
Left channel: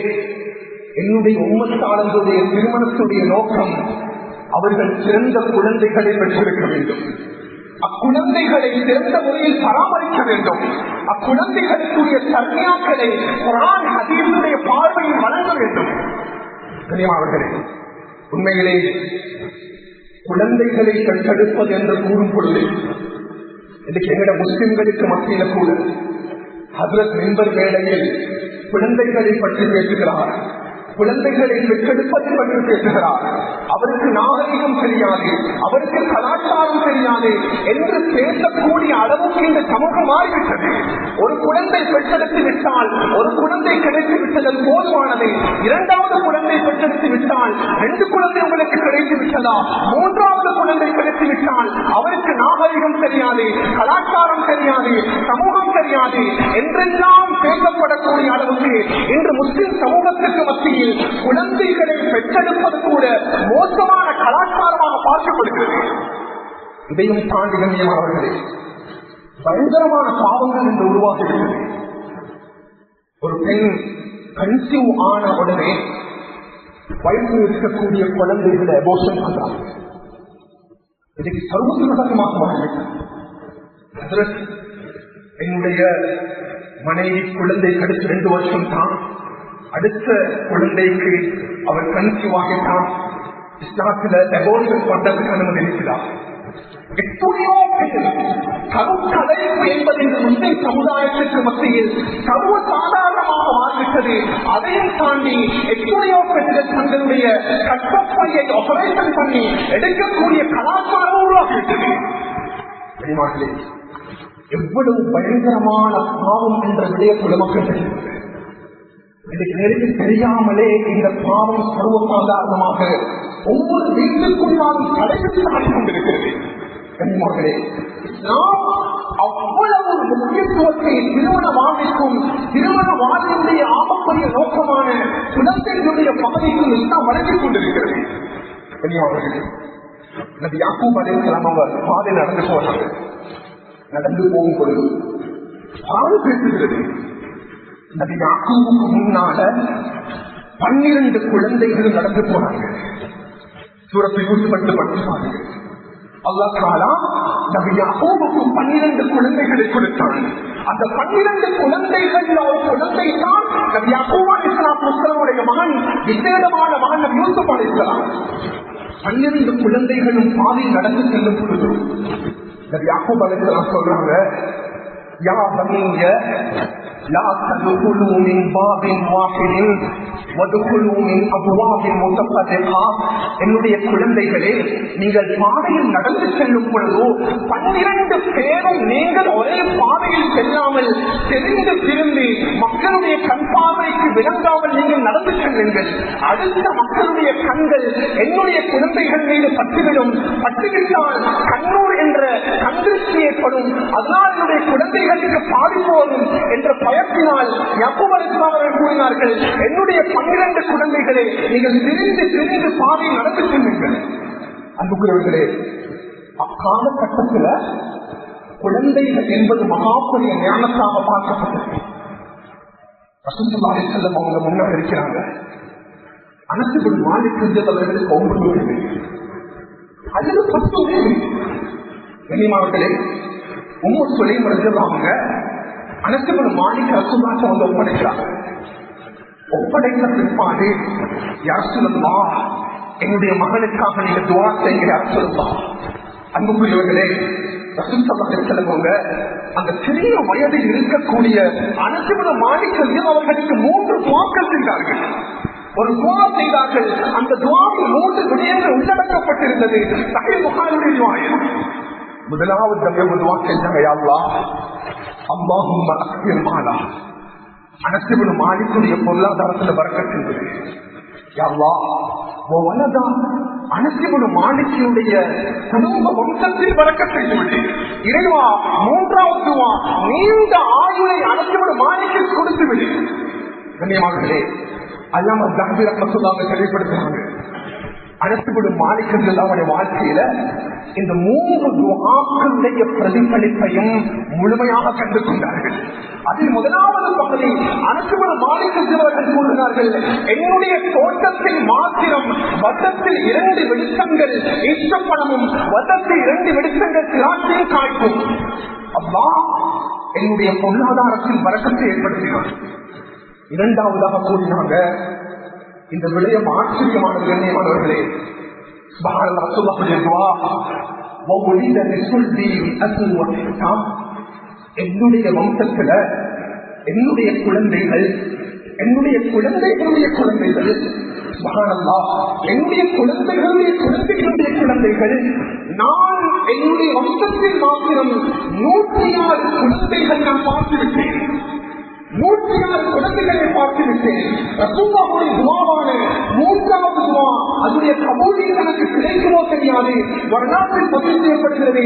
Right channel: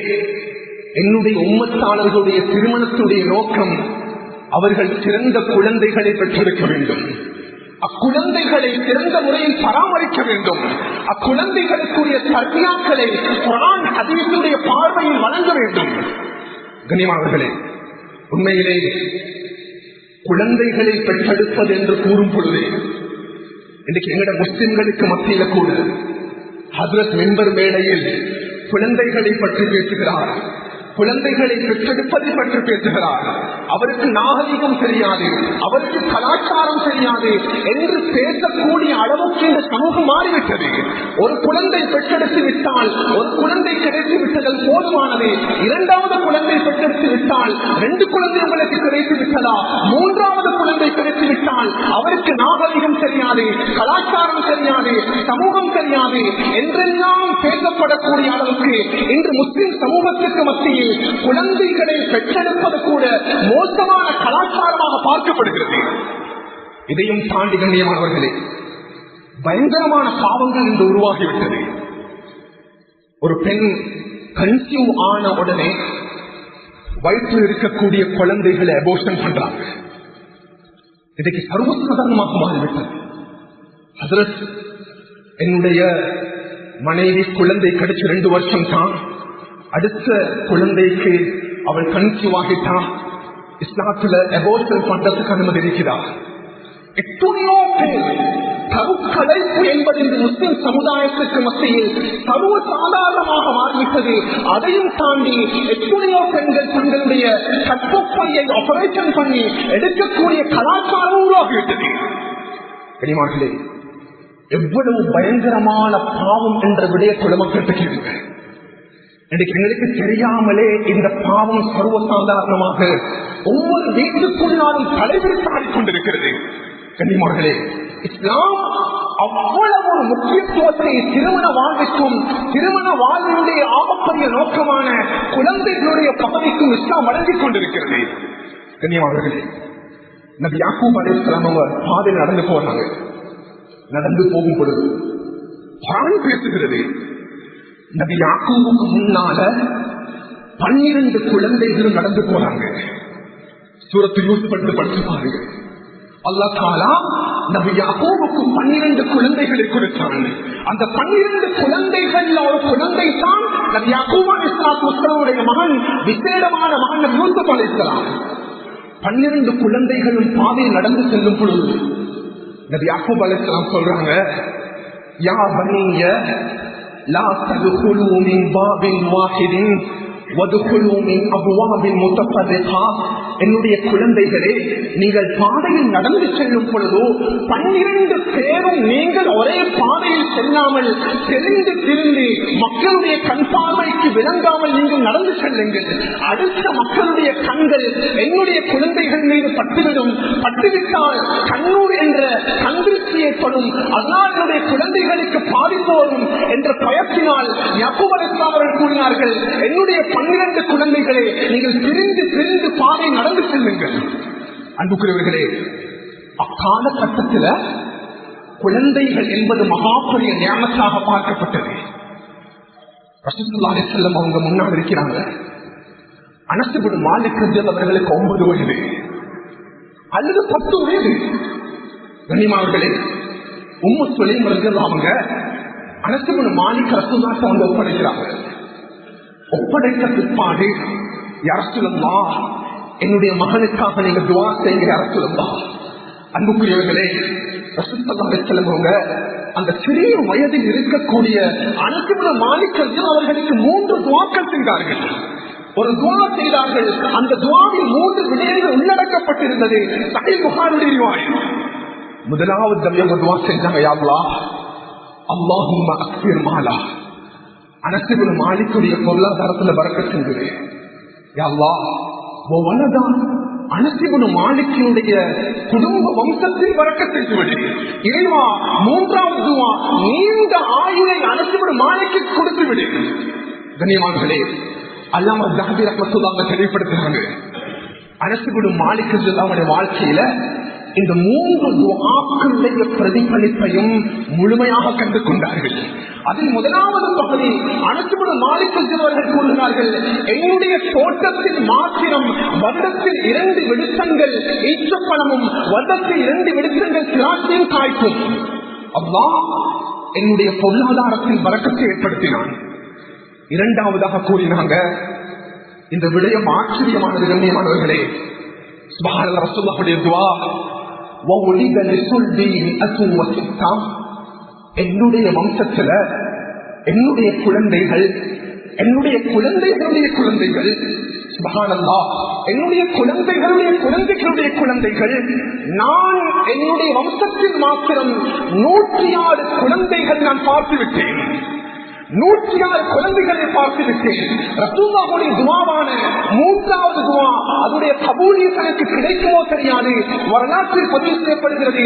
என்னுடைய உம்மத்தாளர்களுடைய திருமணத்துடைய நோக்கம் அவர்கள் சிறந்த குழந்தைகளை பெற்றிருக்க வேண்டும். அக்குழந்தைகளை சிறந்த முறையில் பராமரிக்க வேண்டும். அக்குழந்தைகளுக்குரிய தர்பியாக்களை குர்ஆன் ஹதீஸுடைய பார்வையில் வழங்க வேண்டும். கண்ணியமானவர்களே, உண்மையிலே குழந்தைகளை பெற்றெடுப்பது என்று கூறும் பொழுது இன்றைக்கு எங்கட முஸ்லிம்களுக்கு மத்தியில கூட ஹஜ்ரத் மிம்பர் மேடையில் குழந்தைகளை பற்றி பேசுகிறார், குழந்தைகளை பெற்றெடுப்பதை பற்றி பேசுகிறார். அவருக்கு நாகரிகம் தெரியாது, அவருக்கு கலாச்சாரம் தெரியாது என்று பேசக்கூடிய அளவுக்கு இந்த சமூகம் மாறிவிட்டது. ஒரு குழந்தை பெற்றெடுத்து விட்டால், ஒரு குழந்தை கிடைத்து விட்டதல் போதுமானது. இரண்டாவது குழந்தை பெற்றெடுத்து விட்டால் 2 குழந்தை உங்களுக்கு கிடைத்து விட்டதா, 3வது குழந்தை கிடைத்து விட்டால் அவருக்கு நாகரிகம் தெரியாது, கலாச்சாரம் தெரியாது, சமூகம் தெரியாது என்றெல்லாம் பேசப்படக்கூடிய அளவுக்கு இன்று முஸ்லிம் சமூகத்துக்கு மத்தியில் குழந்தைகளை பெற்றெடுப்பது கூட மோசமான கலாச்சாரமாக பார்க்கப்படுகிறது. இதையும் தாண்டி கண்ணியமானவர்களே, பயங்கரமான பாவங்கள் என்று உருவாகிவிட்டது. ஒரு பெண் கன்சீவ் ஆன உடனே வயிற்றில் இருக்கக்கூடிய குழந்தைகளை அபோர்ஷன் பண்றாங்க. இன்றைக்கு சர்வசாதாரணமாக மாறிவிட்டது. ஹஜ்ரத், என்னுடைய மனைவி குழந்தை கிடைச்சு 2 வருஷம் தான், அடுத்த குழந்தைக்கு அவள் கன்சீவ் ஆகிட்டான், இஸ்லாத்துல அபோர்ஷன் பண்றதுக்கு அனுமதி இருக்கிறார். எத்தனையோ பேர் கருக்கலைப்பு என்பது இந்த முஸ்லிம் சமுதாயத்திற்கு மத்தியில் சர்வ சாதாரணமாக மாறிவிட்டது. அதையும் தாண்டி எத்தனையோ பெண்கள் தங்களுடைய கற்பப்பையை ஆபரேஷன் பண்ணி எடுக்கக்கூடிய கலாச்சாரம் உருவாகிவிட்டது. கனிமார்களே, எவ்வளவு பயங்கரமான பாவம் என்ற விடயத்தோடு மக்கள் தெரிகிறது. இன்னைக்கு எங்களுக்கு தெரியாமலே இந்த பாவம் சர்வசாதாரணமாக ஒவ்வொரு வீட்டுக்குள்ளாலும் தலைவிரித்து ஆடிக்கொண்டிருக்கிறது. கண்ணியமார்களே, இஸ்லாம் அவ்வளவு ஒரு முக்கியத்துவத்தை திருமண வாழ்விற்கும் திருமண வாழ்வினுடைய ஆபப்பரிய நோக்கமான குழந்தைகளுடைய பகுதிக்கும் இஸ்லாம் வழங்கிக் கொண்டிருக்கிறது. கண்ணியமார்களே, நபி யாக்கூப் அலைஹிஸ்ஸலாம் அவங்க பாதை நடந்து போறாங்க. நடந்து போகும் பொழுது குர்ஆன் பேசுகிறது, நபி யாக்கூபுக்கு முன்னால 12 குழந்தைகளும் நடந்து போறாங்க. சூரத்து யூசுப் படிச்சு பாருங்க. அல்லாஹ் தஆலா நபி யாக்கூபுக்கு 12 குழந்தைகளை கொடுத்தான். அந்த 12 குழந்தைகள் ஒரு குழந்தை தான் நபி யாக்கூப் அலைஹிஸ்ஸலாத்து வஸ்ஸலாமுடைய மகன், விசேடமான மகன் நபி யூசுப் அலைஹிஸ்ஸலாம். 12 குழந்தைகளும் பாதையில் நடந்து செல்லும் பொழுது நபி யாக்கூப் அலைஹிஸ்ஸலாம் சொல்றாங்க, யா பனிய லா ததுகுலு மின் பாபின் வாஹிதின் வதுகுலு மின் அப்வாபின் முத்தஃபர்ரிகா. என்னுடைய குழந்தைகளே, நீங்கள் பாதையில் நடந்து செல்லும் பொழுது 12 பேரும் நீங்கள் ஒரே பாதையில் செல்லாமல் தெரிந்து திரிந்து மக்களுடைய கண் பார்வைக்கு விளங்காமல் நீங்கள் நடந்து செல்லுங்கள். அடுத்த மக்களுடைய கண்கள் என்னுடைய குழந்தைகள் மீது பட்டுவிடும். பட்டுவிட்டால் கண்ணூர் என்ற கந்திருஷ்டி ஏற்படும். அதனால் என்னுடைய குழந்தைகளுக்கு பாதிப்பு வரும் என்ற பயத்தினால் யாக்கூப் அலைஹிஸ்ஸலாம் அவர்கள் கூறினார்கள், என்னுடைய 12 குழந்தைகளே, நீங்கள் திரிந்து திரிந்து பாதை நடந்து செல்லுங்கள். அன்புக்குரியவர்களே, அக்காலகட்டத்தில் குழந்தைகள் என்பது மகாபெரிய ஞானத்தாக பார்க்கப்பட்டது. ரசூலுல்லாஹி ஸல்லல்லாஹு அலைஹி வஸல்லம் அவங்க முன்னாடி இருக்கிறாங்க. அனஸ் இப்னு மாலிக் அவர்களுக்கு 9 வயது அல்லது 10 வயது. கண்ணியமானவர்களே, உம்மு சுலைம் ரலியல்லாஹு அன்ஹா அனஸ் இப்னு மாலிக் ரசூலுல்லாஹி அவங்க ஒப்படைக்கிறாங்க. ஒப்படைத்த பிற்பாடு, யா ரசூலல்லாஹ், என்னுடைய மகனுக்காக நீங்க துஆ செய்யுங்க யா ரசூலல்லாஹ். அன்புக்குரியவர்களே, ரசூல் ஸல்லல்லாஹு அலைஹி வஸல்லம் அவங்க அந்த சிறிய வயதில் இருக்கக்கூடிய அனஸ் இப்னு மாலிக் அவர்களுக்கு 3 துஆக்கள் செய்தார்கள். ஒரு துஆ செய்தார்கள். அந்த துஆவில் 3 விடயங்கள் உள்ளடக்கப்பட்டிருந்தது. சஹீஹ் புகாரியுடைய ரிவாயத். முதலாவது தடவை துஆ செஞ்சாங்க, யா அல்லாஹ், அல்லாஹும்ம அக்ஸிர் மாலா. அனஸ் இப்னு மாலிக்குடைய பொருளாதாரத்தில் பரக்கத் செஞ்சது. யா அல்லாஹ், வ வலதா, அனஸ் இப்னு மாலிக்குடைய குடும்ப வம்சத்தில் பரக்கத் செய்துவிடு. இறைவா, மூன்றாவது துஆ, நீண்ட ஆயுளை அனஸ் இப்னு மாலிக்கு கொடுத்து விடு. கண்ணியமானவர்களே, அல்லாமா ஸஹபி ரஹ்மத்துல்லாஹி தெளிவுபடுத்துறாங்க, அனஸ் இப்னு மாலிக் அவருடைய வாழ்க்கையில இந்த 3 துஆக்களுடைய பிரதிபலிப்பையும் முழுமையாக கண்டு கொண்டார்கள். அதில் முதலாவது பகுதி, அனஸ் இப்னு மாலிக் அவர்கள் கூறுகிறார்கள், என்னுடைய தோட்டத்தில் மாத்திரம் வருடத்தில் 2 வெடித்தங்கள் ஈச்சப்பழமும் வருடத்தில் 2 வெடித்தங்கள் திராட்சையும் காய்க்கும். அல்லாஹ் என்னுடைய பொருளாதாரத்தில் பரக்கத்தை ஏற்படுத்தினார். இரண்டாவதாக கூறினாங்க, இந்த விடயம் ஆச்சரியமானது. கண்ணியமானவர்களே, சுப்ஹானல்லாஹ், ரசூலுல்லாஹுடைய துஆ, வௌலித லிசுல்பி மிஅத்துன் வஸித்தா. என்னுடைய வம்சத்துல என்னுடைய குழந்தைகள், என்னுடைய குழந்தைகளுடைய குழந்தைகள், சுப்ஹானல்லாஹ், என்னுடைய குழந்தைகளுடைய குழந்தைகளுடைய குழந்தைகள், நான் என்னுடைய வம்சத்தில் மாத்திரம் 106 குழந்தைகள் நான் பார்த்துவிட்டேன். 106 குழந்தைகளை பார்த்துவிட்டேன். ரசூலுல்லாஹுடைய துஆவான 3வது துஆ, அதனுடைய கபூலியத் எனக்கு கிடைக்குமோ தெரியாது. வரலாற்றில் பதிவு செய்யப்படுகிறது,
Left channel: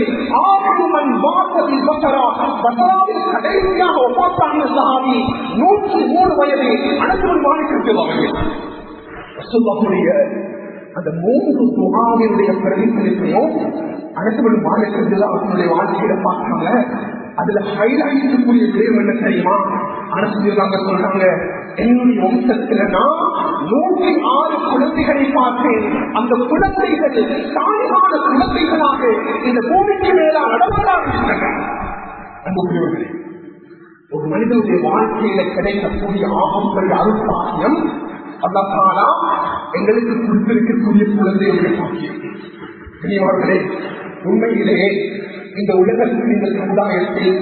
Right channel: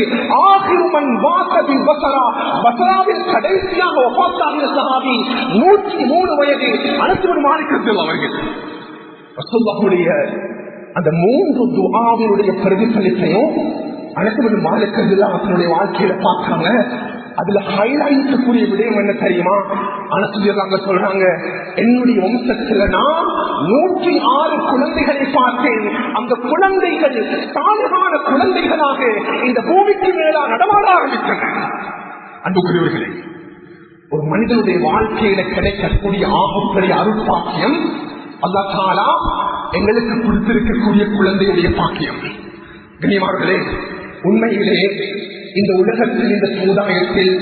ஆகிரு மன் வாஸபி பஸரா, பஸராவில் கடைசியாக வஃபாத்தாகிய சஹாபி 103 வயது அனஸ் இப்னு மாலிக் ரலியல்லாஹு அன்ஹு. ரசூலுல்லாஹுடைய அந்த 3 துஆவினுடைய பிரதிபலிப்பையும் அனஸ் இப்னு மாலிக் ரலியல்லாஹு அன்ஹுடைய வாழ்க்கையில பார்த்தாங்க. அதுல ஹைலைட் கூடிய விடயம் என்ன தெரியுமா? அனசுலியல்லாங்க சொல்றாங்க, என்னுடைய வம்சத்துல நான் 106 குழந்தைகளை பார்த்தேன். அந்த குழந்தைகள் சாலிகான குழந்தைகளாக இந்த பூமிக்கு மேலா நடமாட ஆரம்பித்தன. அன்புக்குரியவர்களே, ஒரு மனிதனுடைய வாழ்க்கையில கிடைக்கக்கூடிய ஆகப்பெரிய அருட்பாக்கியம் அல்லாஹ் தஆலா எங்களுக்கு கொடுத்திருக்கக்கூடிய குழந்தையுடைய பாக்கியம். கண்ணியமானவர்களே, உண்மையிலே இந்த உலகத்தில், இந்த சமுதாயத்தில்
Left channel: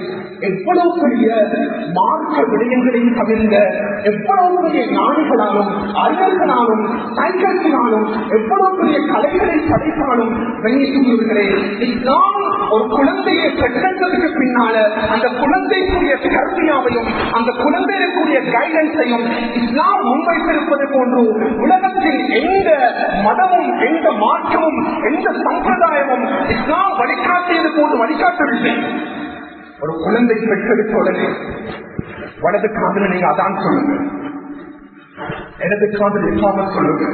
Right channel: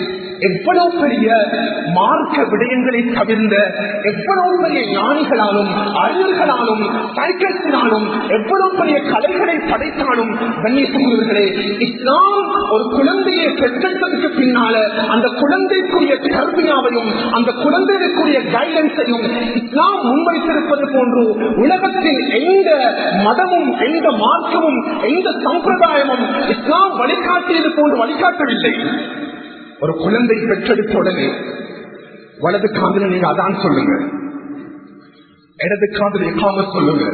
எவ்வளவு பெரிய மார்க்க விடயங்களை தவிர்ந்த எவ்வளவு பெரிய ஞானிகளாலும் அறிஞர்களாலும் சைக்கிள்ஸினாலும் எவ்வளவு பெரிய கலைகளை படைத்தாலும், கண்ணியத்துக்குரியவர்களே, இஸ்லாம் ஒரு குழந்தையை பெற்றெடுத்ததுக்கு பின்னால அந்த குழந்தைக்குரிய கல்வியாவையும் அந்த குழந்தைக்குரிய கைடன்ஸையும் இஸ்லாம் முன்வைத்திருப்பது போன்று உலகத்தில் எந்த மதமும் எந்த மார்க்கமும் எந்த சம்பிரதாயமும் இஸ்லாம் வழிகாட்டியது போன்று வழிகாட்டவில்லை. ஒரு குழந்தை பெற்றெடுத்த உடனே வலது காதுல நீங்க அதான் சொல்லுங்க, இடது காதுல இகாமத் சொல்லுங்க.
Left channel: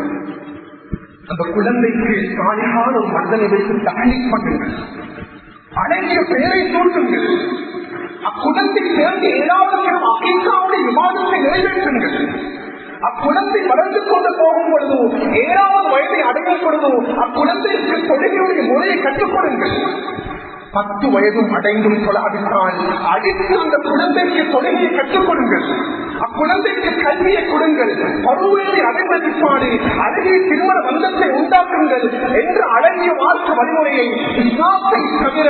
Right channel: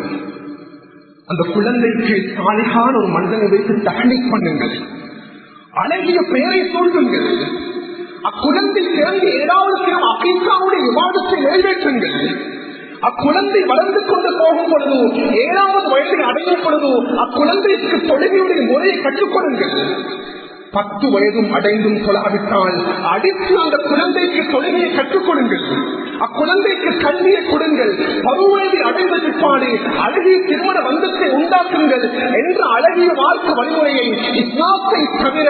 அந்த குழந்தைக்கு சாலிகான ஒரு மனிதனை வைத்து தஹ்னீக் பண்ணுங்கள், அழகிய பெயரை சூட்டுங்கள். அக்குழந்தை பிறந்து 7வது கிழமை அகீகாவுடைய விவாதத்தை நிறைவேற்றுங்கள். அக்குழந்தை வளர்ந்து கொண்டு போகும் பொழுது, 7வது வயதை அடையும் பொழுது அக்குழந்தைக்கு தொழுகையுடைய முறையை கற்றுக் கொடுங்கள். 10 வயதும் அடைந்தும் தொழாவிட்டால் அடித்து அந்த குழந்தைக்கு தொழுகையை கற்றுக் கொடுங்கள். அக்குழந்தைக்கு கல்வியை கொடுங்கள். பருவத்தை அடைந்த பிற்பாடு அழகிய திருமண பந்தத்தை உண்டாக்குங்கள் என்ற அழகிய மார்க்க வழிமுறையை இஸ்லாத்தை தவிர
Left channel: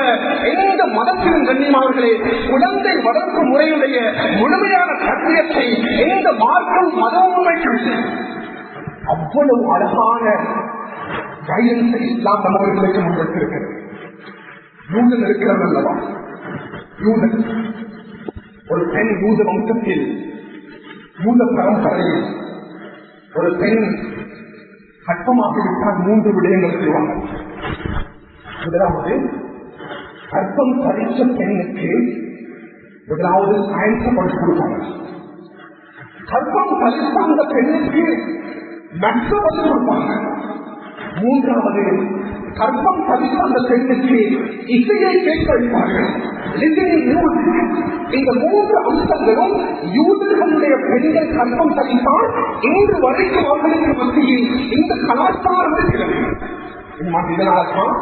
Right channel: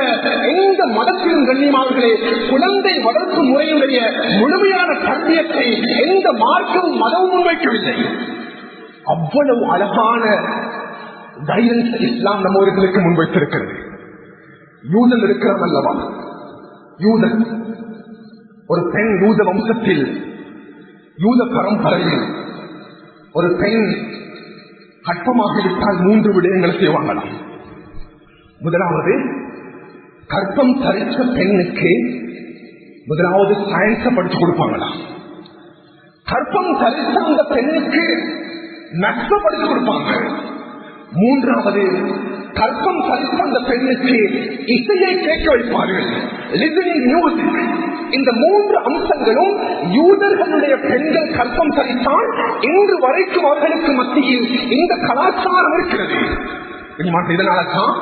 எந்த மதத்திலும், கண்ணியமானவர்களே, குழந்தை வளர்ப்பு முறையுடைய முழுமையான கல்வியத்தை எந்த மார்க்கமும் மதமும் வைக்கவில்லை. அவ்வளவு அழகான கைடன்ஸ் இஸ்லாம் நம்மவர்களுக்கு முன்வைத்திருக்கிறது. யூதன் இருக்கிறது அல்லவா, யூதன் ஒரு பெண், யூத வம்சத்தில் யூத பரம்பரையில் ஒரு பெண் கற்பமாகிவிட்டால் 3 விடயங்கள் செய்வாங்க. முதலாவது, கற்பம் தரித்த பெண்ணுக்கு முதலாவது சயின்ஸை படிச்சு கொடுப்பாங்களா. கற்பம் தரித்த அந்த பெண்ணுக்கு மேக்ஸ படிச்சு கொடுப்பாங்க. 3வது, கற்பம் பதித்த அந்த பெண்ணுக்கு இசையை கேட்க வைப்பார்கள். இந்த 3 அம்சங்களும் யூதர்களுடைய பெண்கள் கற்பம் பதித்தால் இன்று வரைக்கும் அவர்களுக்கு மத்தியில் இந்த கலாச்சாரம் இருக்கிறது. இதனால்தான்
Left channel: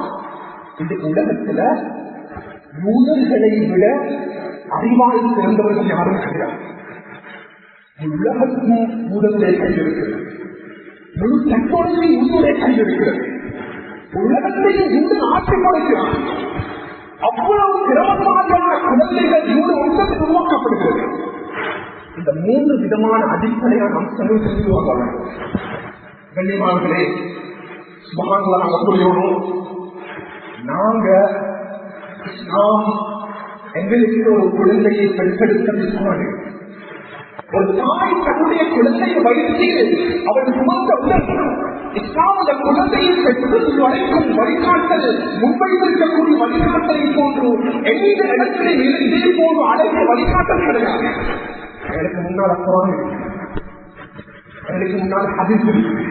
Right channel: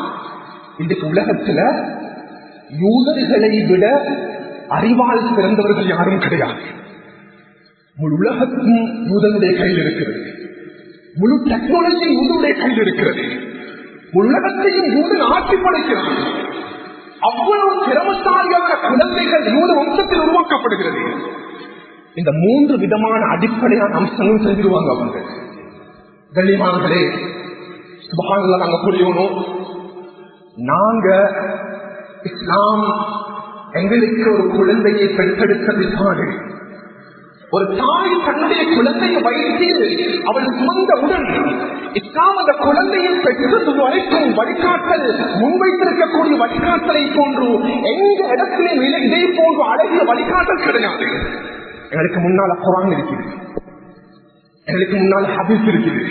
இன்றைக்கு உலகத்தில் யூதர்களை விட அறிவால் சிறந்தவர்கள் யாரும் கிடையாது. முழு உலகத்தும் யூதனுடைய கையில் இருக்கிறது. முழு டெக்னாலஜி யூதனுடைய கையில் இருக்கிறது. உலகத்தையும் யூதன் ஆட்சி படைக்கிறார். அவ்வளவு திறமசாலியான குழந்தைகள் யூத வம்சத்தில் உருவாக்கப்படுகிறது. இந்த 3 விதமான அடிப்படையான அம்சங்களும் செஞ்சிருவாங்க அவர்கள். கண்ணியமானவர்களே, சுபஹானல்லாஹ், நாங்க புரியணும். நாங்க இஸ்லாம் எங்களுக்கு ஒரு குழந்தையை பெற்றெடுத்த பிற்பாடு ஒரு தாய் தன்னுடைய குழந்தையை வயிற்றில் அவள் சுமந்தவுடன் இஸ்லாம் அந்த குழந்தையை பெற்றது வரைக்கும் வழிகாட்டல் முன்வைத்திருக்கக்கூடிய வழிகாட்டலை போன்று எந்த இடத்திலே இதே போன்று அழகிய வழிகாட்டல் கிடையாது. எங்களுக்கு முன்னால் குர்ஆன் இருக்கிறது, எங்களுக்கு முன்னால் ஹதீஸ் இருக்குது.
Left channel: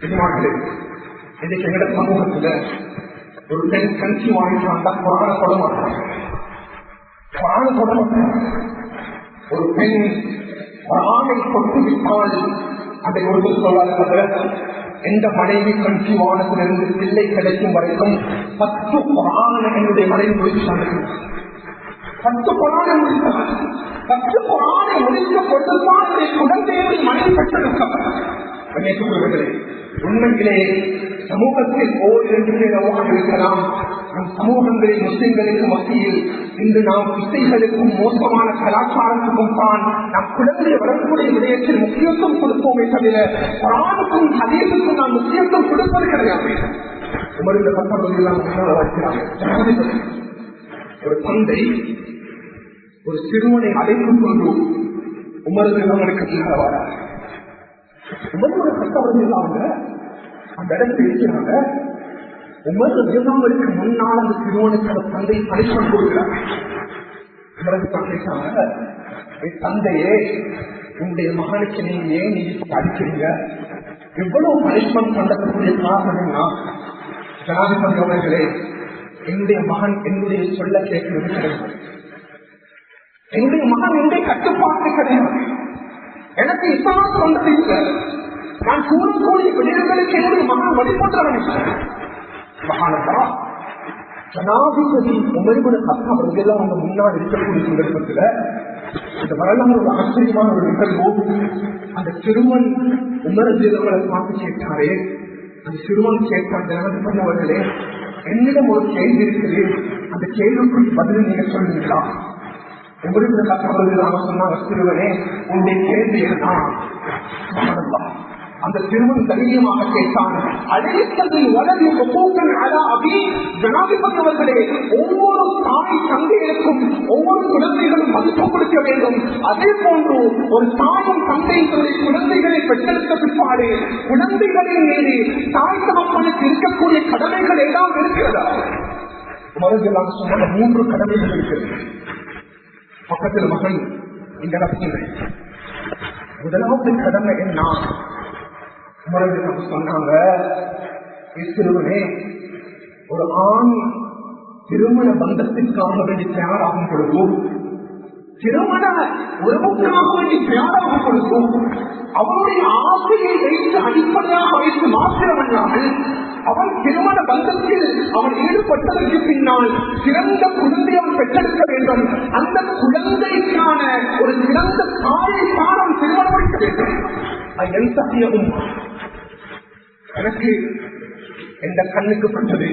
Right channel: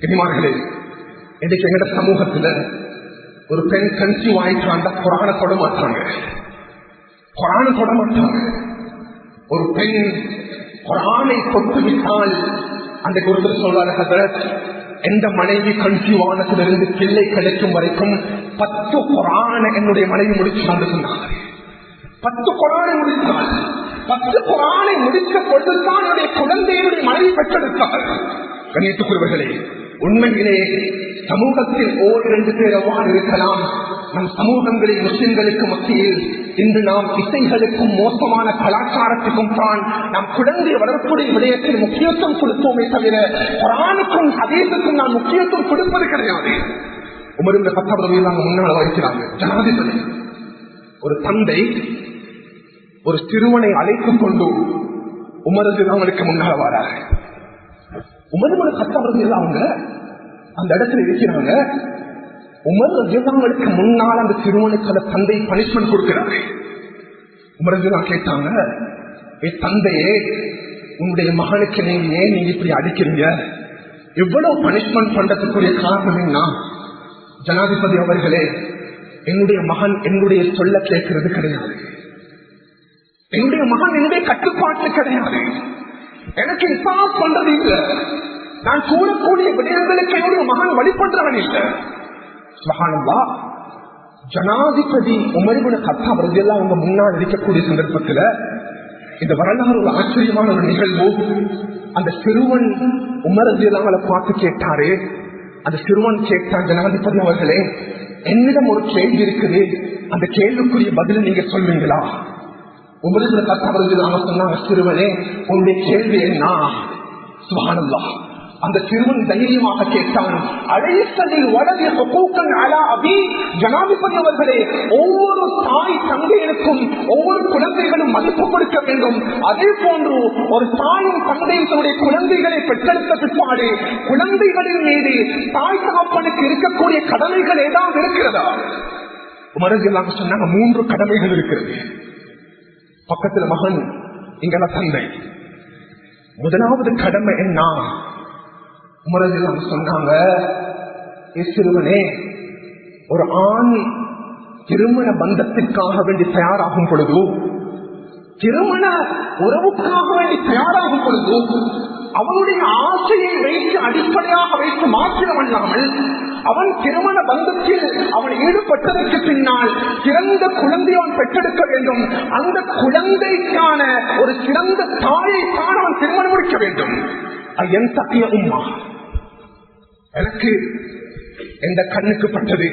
கண்ணியமானவர்களே, இன்றைக்கு எங்கட சமூகத்துல ஒரு பெண் கன்சீவ் ஆயிட்டாண்டா குர்ஆனை தொட மாட்டாங்க. குர்ஆனை தொட மாட்டாங்க. ஒரு பெண் குர்ஆனை தொட்டு விட்டால் அந்த ஒருத்தர் சொல்றாரு, எந்த மனைவி கன்சீவ் ஆனதிலிருந்து பிள்ளை கிடைக்கும் வரைக்கும் 10 குர்ஆனை என்னுடைய மனைவி முடிச்சு கொண்டிருந்தார். 10 குர்ஆனை முடித்தார். 10 குர்ஆனை முடித்த பொழுதுதான் என்னுடைய குழந்தையுடைய மனைவி பெற்றெடுத்தார். கண்ணியத்துக்குரியவர்களே, உண்மையிலே சமூகத்தில் 1-2 பேர் அவ்வாறு இருக்கலாம். நம் சமூகங்களில் முஸ்லிம்களுக்கு மத்தியில் இன்று நாம் இசைகளுக்கும் மோசமான கலாச்சாரத்துக்கும் தான் நம் குழந்தை வளர்ப்புடைய விடயத்தில் முக்கியத்துவம் கொடுப்போமே தவிர குர்ஆனுக்கும் ஹதீஸுக்கும் நாம் முக்கியத்துவம் கொடுப்பது கிடையாது. உமர் இப்னு கத்தாப் ரலியல்லாஹு அன்ஹு முன்னால் வைக்கிறாங்க. ஜனாதிபதி ஒரு தந்தை ஒரு சிறுவனை அழைத்துக் கொண்டு உமர் நிறுவனருக்கு முன்னால் வரார். உமர் இப்னு கத்தாப் ரலியல்லாஹு அன்ஹு அந்த இடத்துல இருக்கிறாங்க. உமர் ரலியல்லாஹுவுக்கு முன்னால் அந்த சிறுவனுக்கு அந்த தந்தை பனிஷ்மெண்ட் கொடுக்கிறாங்க. உமர் ரலியல்லாஹு கேட்டாங்க, தந்தையே, உங்களுடைய மகனுக்கு நீங்க ஏன் நீங்க இப்படி அடிக்கிறீங்க? எவ்வளவு பனிஷ்மெண்ட் பண்றதுக்குரிய காரணம் என்ன? ஜனாதிபதி அவர்களே, என்னுடைய மகன் என்னுடைய சொல்ல கேட்கிறது கிடையாது. என்னுடைய மகன் என்னுடைய கட்டுப்பாட்டு கிடையாது. எனக்கு இஸ்லாம் சொன்னது இல்லை. நான் கூறக்கூடிய விடயங்களுக்கு என்னுடைய மகன் வழிபடுறவன் இல்லை. சுப்ஹானல்லாஹ், ஜனாதிபதி உமர் இப்னு கத்தாப் ரலியல்லாஹு அன்ஹு முன்னால் இருக்கக்கூடிய சந்தர்ப்பத்தில் இந்த வரலாறு ஒரு ஆச்சரியமான ஒரு நிகழ்வு. அந்த சிறுவன் உமர் ரலியல்லாஹு அன்ஹு பார்த்து கேட்டாரே, அந்த சிறுவன் கேட்டார், ஜனாதிபதி அவர்களே, என்னிடம் ஒரு கேள்வி இருக்குது, அந்த கேள்விக்குரிய பதில் நீங்க சொல்வீங்களா? உமர் இப்னு கத்தாப் ரலியல்லாஹு அன்ஹு சொன்னார், சிறுவனே, உன்னுடைய கேள்வி என்ன? சுப்ஹானல்லாஹ், அந்த சிறுவன் தைரியமாக கேட்டான், ஜனாதிபதி அவர்களே, ஒவ்வொரு தாய் தந்தைகளுக்கும் ஒவ்வொரு குழந்தைகளும் மதிப்பு கொடுக்க வேண்டும். அதே போன்று ஒரு தாயும் தந்தையும் தன்னுடைய குழந்தைகளை பெற்றெடுத்த பிற்பாடு குழந்தைகளின் மீது தாய் தகப்பனுக்கு இருக்கக்கூடிய கடமைகள் ஏதாவது இருக்கிறதா? உமரஜில்லாம சொன்னாங்க, 3 கடமைகள் இருக்கிறது. பக்கத்தில் மகன், இங்கட தந்தை. முதலாவது கடமை என்ன? உமரஜில்லாம சொன்னாங்க, சிறுவனே, ஒரு ஆண் திருமண பந்தத்திற்காக வேண்டி தயாராகும் பொழுது, திருமண உறவுக்காக வேண்டி தயாராகும் பொழுது அவனுடைய ஆசையை வைத்து அடிப்படையாக வைத்து மாத்திரமல்லாமல் அவன் திருமண பந்தத்தில் அவன் ஈடுபட்டதற்கு பின்னால் சிறந்த குழந்தை அவன் பெற்றெடுக்க வேண்டும். அந்த குழந்தைக்கான ஒரு சிறந்த தாயைத்தான் அவன் திருமணம் முடிக்க வேண்டும். என் சத்திய உம்மா, எனக்கு எந்த கண்ணுக்கு பட்டது,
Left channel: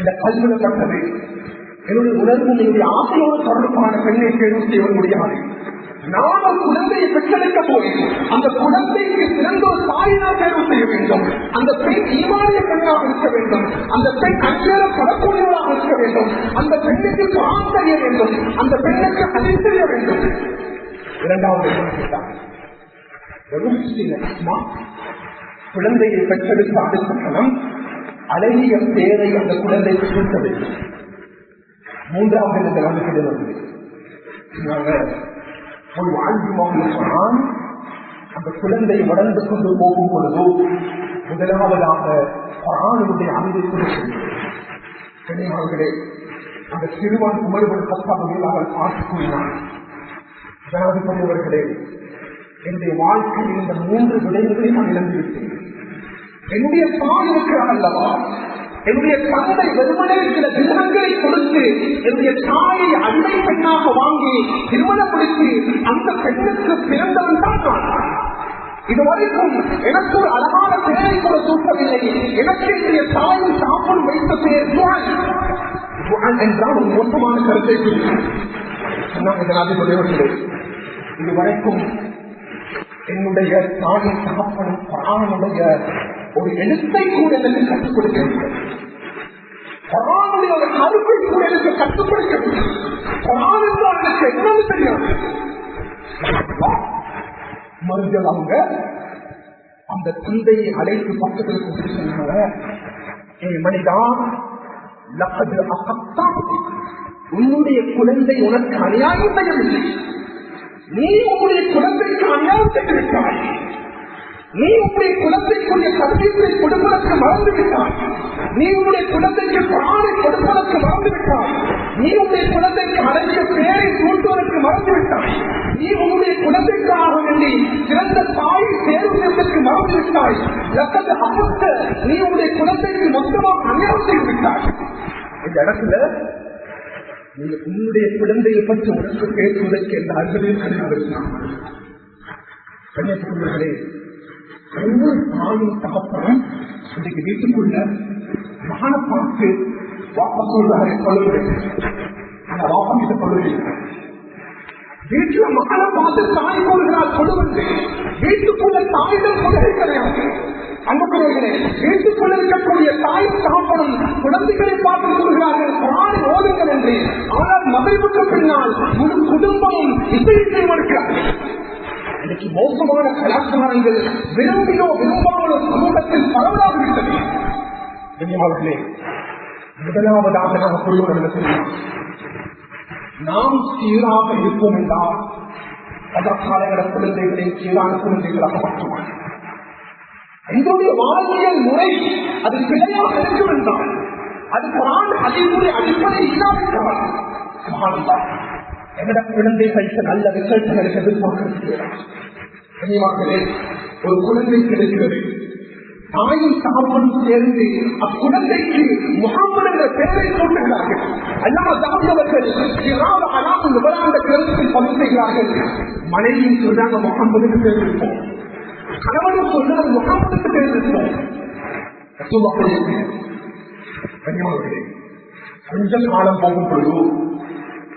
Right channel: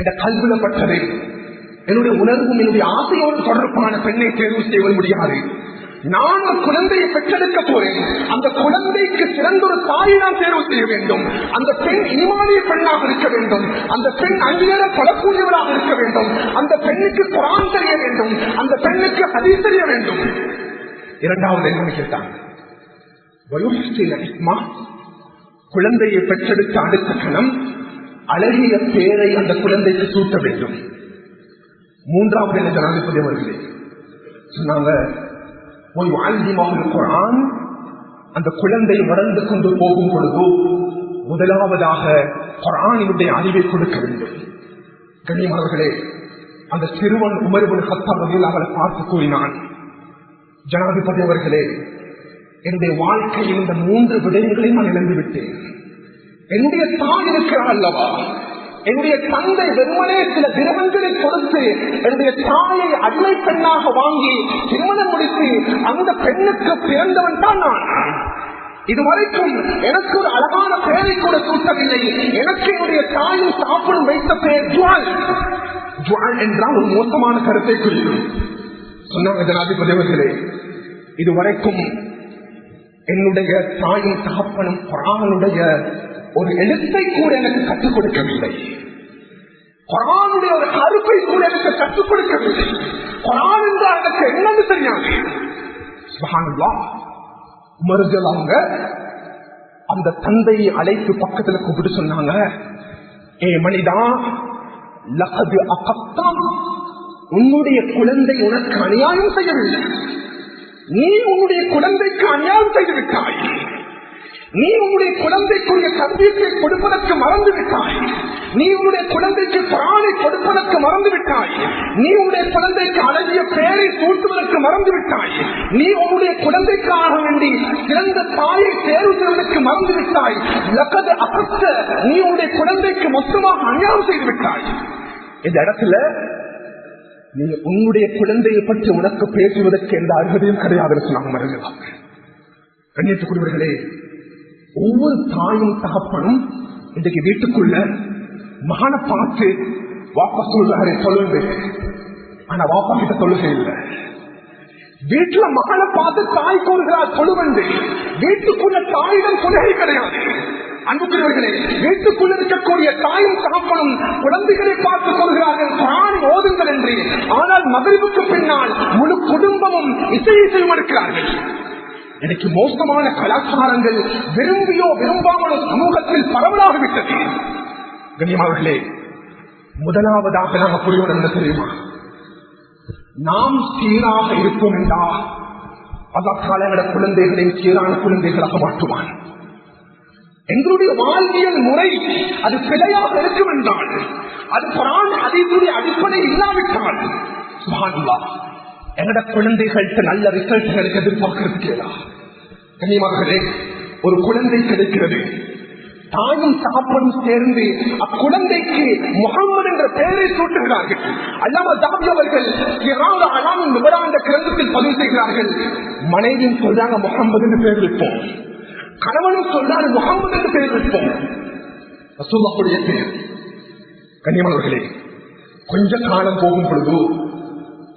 எந்த கல்வில பட்டது, என்னுடைய உணர்வும் என்னுடைய ஆசையோடு தொடர்பான பெண்ணை தேர்வு செய்ய முடியாது. நான் ஒரு குழந்தையை பெற்றெடுக்க போறேன். அந்த குழந்தைக்கு சிறந்த ஒரு தாயை நான் தேர்வு செய்ய வேண்டும். அந்த பெண் ஈமானிய பெண்ணாக இருக்க வேண்டும். அந்த பெண் அந்நேரம் படக்கூடியவராக இருக்க வேண்டும். அந்த பெண்ணுக்கு குர்ஆன் தெரிய வேண்டும். அந்த பெண்ணுக்கு ஹதீஸ் தெரிய வேண்டும். இரண்டாவது என்ன கேட்டான், குழந்தையை பெற்றெடுத்த அடுத்த கணம் அழகிய பேரை அந்த குழந்தைக்கு சூட்ட வேண்டும். மூன்றாவது என்ன ஜனாதிபதி அவர்களே சொன்னாங்க, போய் வாழ்ந்திமாவில் குர்ஆன் அந்த குழந்தை வளர்ந்து கொண்டு போகும் பொழுது முதலாவதாக குர்ஆனினுடைய அறிவை கொடுக்கவில்லை. கண்ணியமானவர்களே, அந்த சிறுவன் உமர் இப்னு கத்தாப் ரலியல்லாஹு அன்ஹு பார்த்து கூறினான், ஜனாதிபதி அவர்களே, என்னுடைய வாழ்க்கையில் இந்த 3 விடயங்களை நான் இழந்து விட்டேன். என்னுடைய தாய் இருக்கிறார் அல்லவா, என்னுடைய தந்தை வெறுமனே சில கிரகங்களை கொடுத்து என்னுடைய தாயை அடிமை பெண்ணாக வாங்கி திருமணம் முடித்து அந்த பெண்ணுக்கு பிறந்தவன் தான் நான். இதுவரைக்கும் எனக்கு ஒரு அழகான பெயரை கூட சூட்டவில்லை. எனக்கு என்னுடைய தாயும் சாப்பிடும் வைத்த பெயர் ஜுவால். ஜுவால் என்றால் ஒரு மோசமான கருத்தை குறிக்கும் சொன்னாங்க ஜனாதிபதி அவர்களே. இதுவரைக்கும் என்னுடைய தாயும் தகப்பனும் குர்ஆனுடைய ஒரு எழுத்தை கூட எனக்கு கற்றுக் கொடுக்கவில்லை. குர்ஆனுடைய ஒரு அறுப்பை கூட எனக்கு கற்றுக் கொடுக்கவில்லை. குர்ஆன் என்றால் எனக்கு என்னன்னு தெரியாது. மறுஜலாங்க அந்த தந்தையை அழைத்து பக்கத்தில் கூப்பிட்டு சொன்னாங்க, ஏ மனிதா, லகது அகத்தா, உன்னுடைய குழந்தை உனக்கு அநியாயம் செய்யவில்லை. நீ உன்னுடைய குழந்தைக்கு அநியாயம் செய்து விட்டாய். நீ உன்னுடைய குழந்தைக்குரிய கல்வியை கொடுப்பதற்கு மறந்து விட்டாய். நீ உன்னுடைய குழந்தைக்கு குர்ஆனை கொடுப்பதற்கு மறந்து விட்டாய். நீ உன்னுடைய குழந்தைக்கு அழகிய பெயரை சூட்டுவதற்கு மறந்து விட்டாய். நீ உன்னுடைய குழந்தைக்காக வேண்டி சிறந்த தாயை தேர்வு செய்வதற்கு மறந்து விட்டாய். லகது அகத்த, நீ உன்னுடைய குழந்தைக்கு மொத்தமாக அநியாயம் செய்து விட்டாய். இந்த இடத்துல நீ உன்னுடைய குழந்தையை பற்றி உனக்கு பேசுவதற்கு எந்த அருகதையும் கிடையாது சொன்னாங்க. கண்ணியத்துக்குரியவர்களே, ஒவ்வொரு தாயும் தகப்பனும் இன்றைக்கு வீட்டுக்குள்ள மகனை பார்த்து வாபஸ் சொல்றாரு தொழுகை, ஆனா வாப்பா கிட்ட தொழுகை இல்லை. வீட்டுல மகனை பார்த்து தாய் கொள்கிறார் தொழுவந்து, வீட்டுக்குள்ள தாயிடம் தொழுகை கிடையாது. அன்புக்குரியவர்களே, வீட்டுக்குள்ள இருக்கக்கூடிய தாயும் தகப்பனும் குழந்தைகளை பார்த்துக் கொள்கிறார்கள் குர்ஆனை ஓதுங்கள் என்று. ஆனால் மகரிபுக்கு பின்னால் முழு குடும்பமும் இசையையும் இருக்கிறார்கள். இன்னைக்கு மோசமான கலாச்சாரங்கள் விரும்பியோ விரும்பாமலோ சமூகத்தில் பரவலாகிவிட்டது. கண்ணியமானவர்களே, முதலாவதாக நாம் புரிவது என்ன தெரியும்? நாம் சீராக இருப்போம் என்றால் அதற்கான குழந்தைகளின் சீரான குழந்தைகளாக மாற்றுவான். எங்களுடைய வாழ்வியல் முறை அது பிழையாக இருக்கும் என்றால், அது குர்ஆன் ஹதீஸுடைய அடிப்படை இல்லாவிட்டால், சுப்ஹானல்லாஹ், எங்கட குழந்தைகளுக்கு நல்ல ரிசல்ட்களுக்கு எதிர்பார்க்கிறது. கண்ணியமாகவே ஒரு குழந்தை கிடைக்கிறது, தாயும் தகப்பனும் சேர்ந்து அக்குழந்தைக்கு முஹம்மது என்ற பெயரை சூட்டுகிறார்கள். அல்லாமா தாவூத் அவர்கள் என்ற கிரந்தத்தில் பதிவு செய்கிறார்கள். மனைவியும் சொல்றாங்க முஹம்மது என்று பெயர் வைப்போம், கணவனும் சொல்றாரு முஹம்மது என்று பெயர் வைப்போம். ரசூலுல்லாஹுடைய பெயர். கண்ணியமானவர்களே, கொஞ்ச காலம் போகும் பொழுது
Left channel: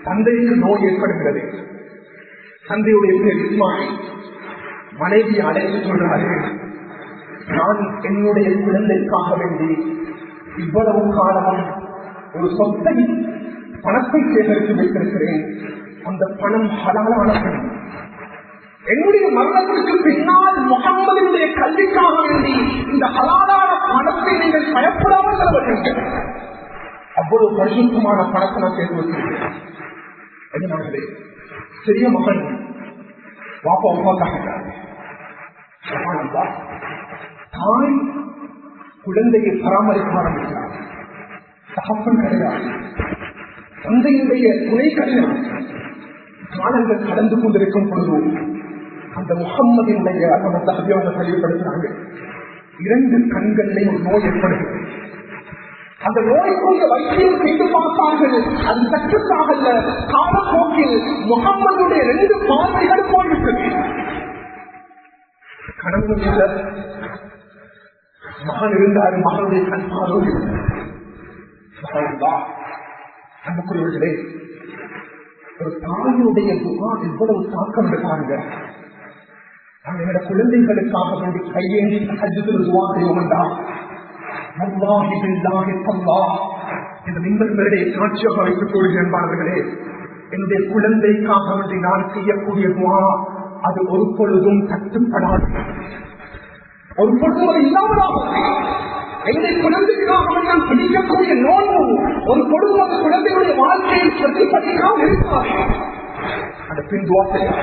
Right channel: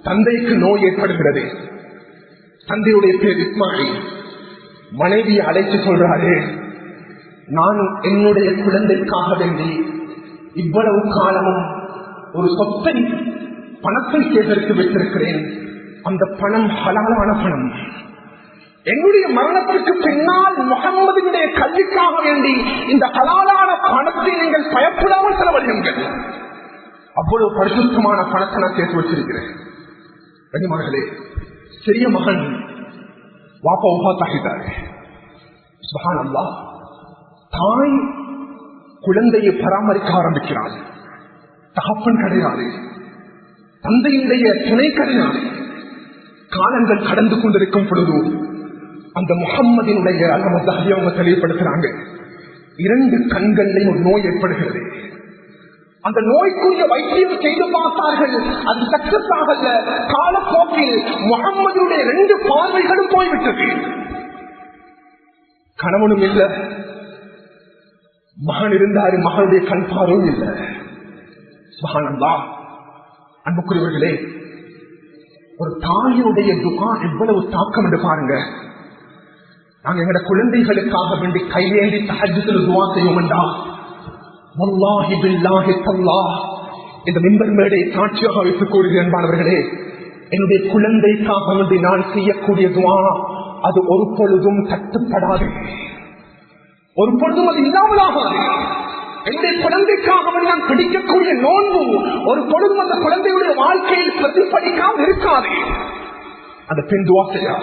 தந்தைக்கு நோய் ஏற்படுகிறது. தந்தையுடைய பேர் இஸ்மாயில். மனைவியை அழைத்து சொல்றாரு, நான் என்னுடைய குழந்தைக்காக வேண்டி இவ்வளவு காலமும் ஒரு சொத்தை பணத்தை சேகரித்து வைத்திருக்கிறேன். அந்த பணம் ஹலாலான பணம். என்னுடைய மரணத்திற்கு பின்னால் முஹம்மதினுடைய கல்விக்காக வேண்டி இந்த ஹலாலான பணத்தை நீங்கள் பயப்படாமல் செலவழியுங்கள். அவ்வளவு பரிசுத்தமான பணத்தை நான் சேர்த்து வச்சிருக்கிறேன். கண்ணியமானவர்களே, சிறிய மகன் வாப்பா ஒப்பாத்தாகிட்டார். சுப்ஹானல்லாஹ், தாய் குழந்தையை பராமரிக்க ஆரம்பிக்கிறார். தகப்பன் கிடையாது, தந்தையுடைய துணை கிடையாது. காலங்கள் கடந்து கொண்டிருக்கும் பொழுது அந்த முஹம்மதினுடைய அவங்க தெளிவுபடுத்துறாங்க, 2 கண்களில் ஒரு நோய் ஏற்படுகிறது. அந்த நோய்க்குரிய வைத்தியம் செய்து பார்த்தார்கள், அது சக்சஸ் ஆகல. காலப்போக்கில் முஹம்மதுடைய 2 பார்வைகளும் போய்விட்டது. கணவனும் இல்லை, மகன் இருந்தாரு, மகனுடைய கண் பார்வையும் இல்லை. சுப்ஹானல்லாஹ், அன்புக்குரியவர்களே, ஒரு தாயினுடைய துஆ எவ்வளவு தாக்கம் என்று பாருங்க. நாங்க எங்களோட குழந்தைகளுக்காக வேண்டி கையேந்தி தஹஜ்ஜுதுல் துஆ செய்வோம்டா, வல்லாஹி பில்லாஹி தல்லாஹ், இந்த மிம்பர் மேடையை சாட்சியாக வைத்துக் கூறுகிறேன் அன்பானவர்களே, என்னுடைய குழந்தைக்காக வேண்டி நான் செய்யக்கூடிய துஆ அது ஒரு பொழுதும் தட்டுப்படாது, ஒரு பொழுதும் அது இல்லாமலாகாது. என்னுடைய குழந்தைக்காக நான் பிடிக்கக்கூடிய நோன்பு ஒரு பொழுதும் அந்த குழந்தைகளுடைய வாழ்க்கையில் பிரதிபலிக்காமல் இருக்காது. அந்த பின் துஆ செய்யா,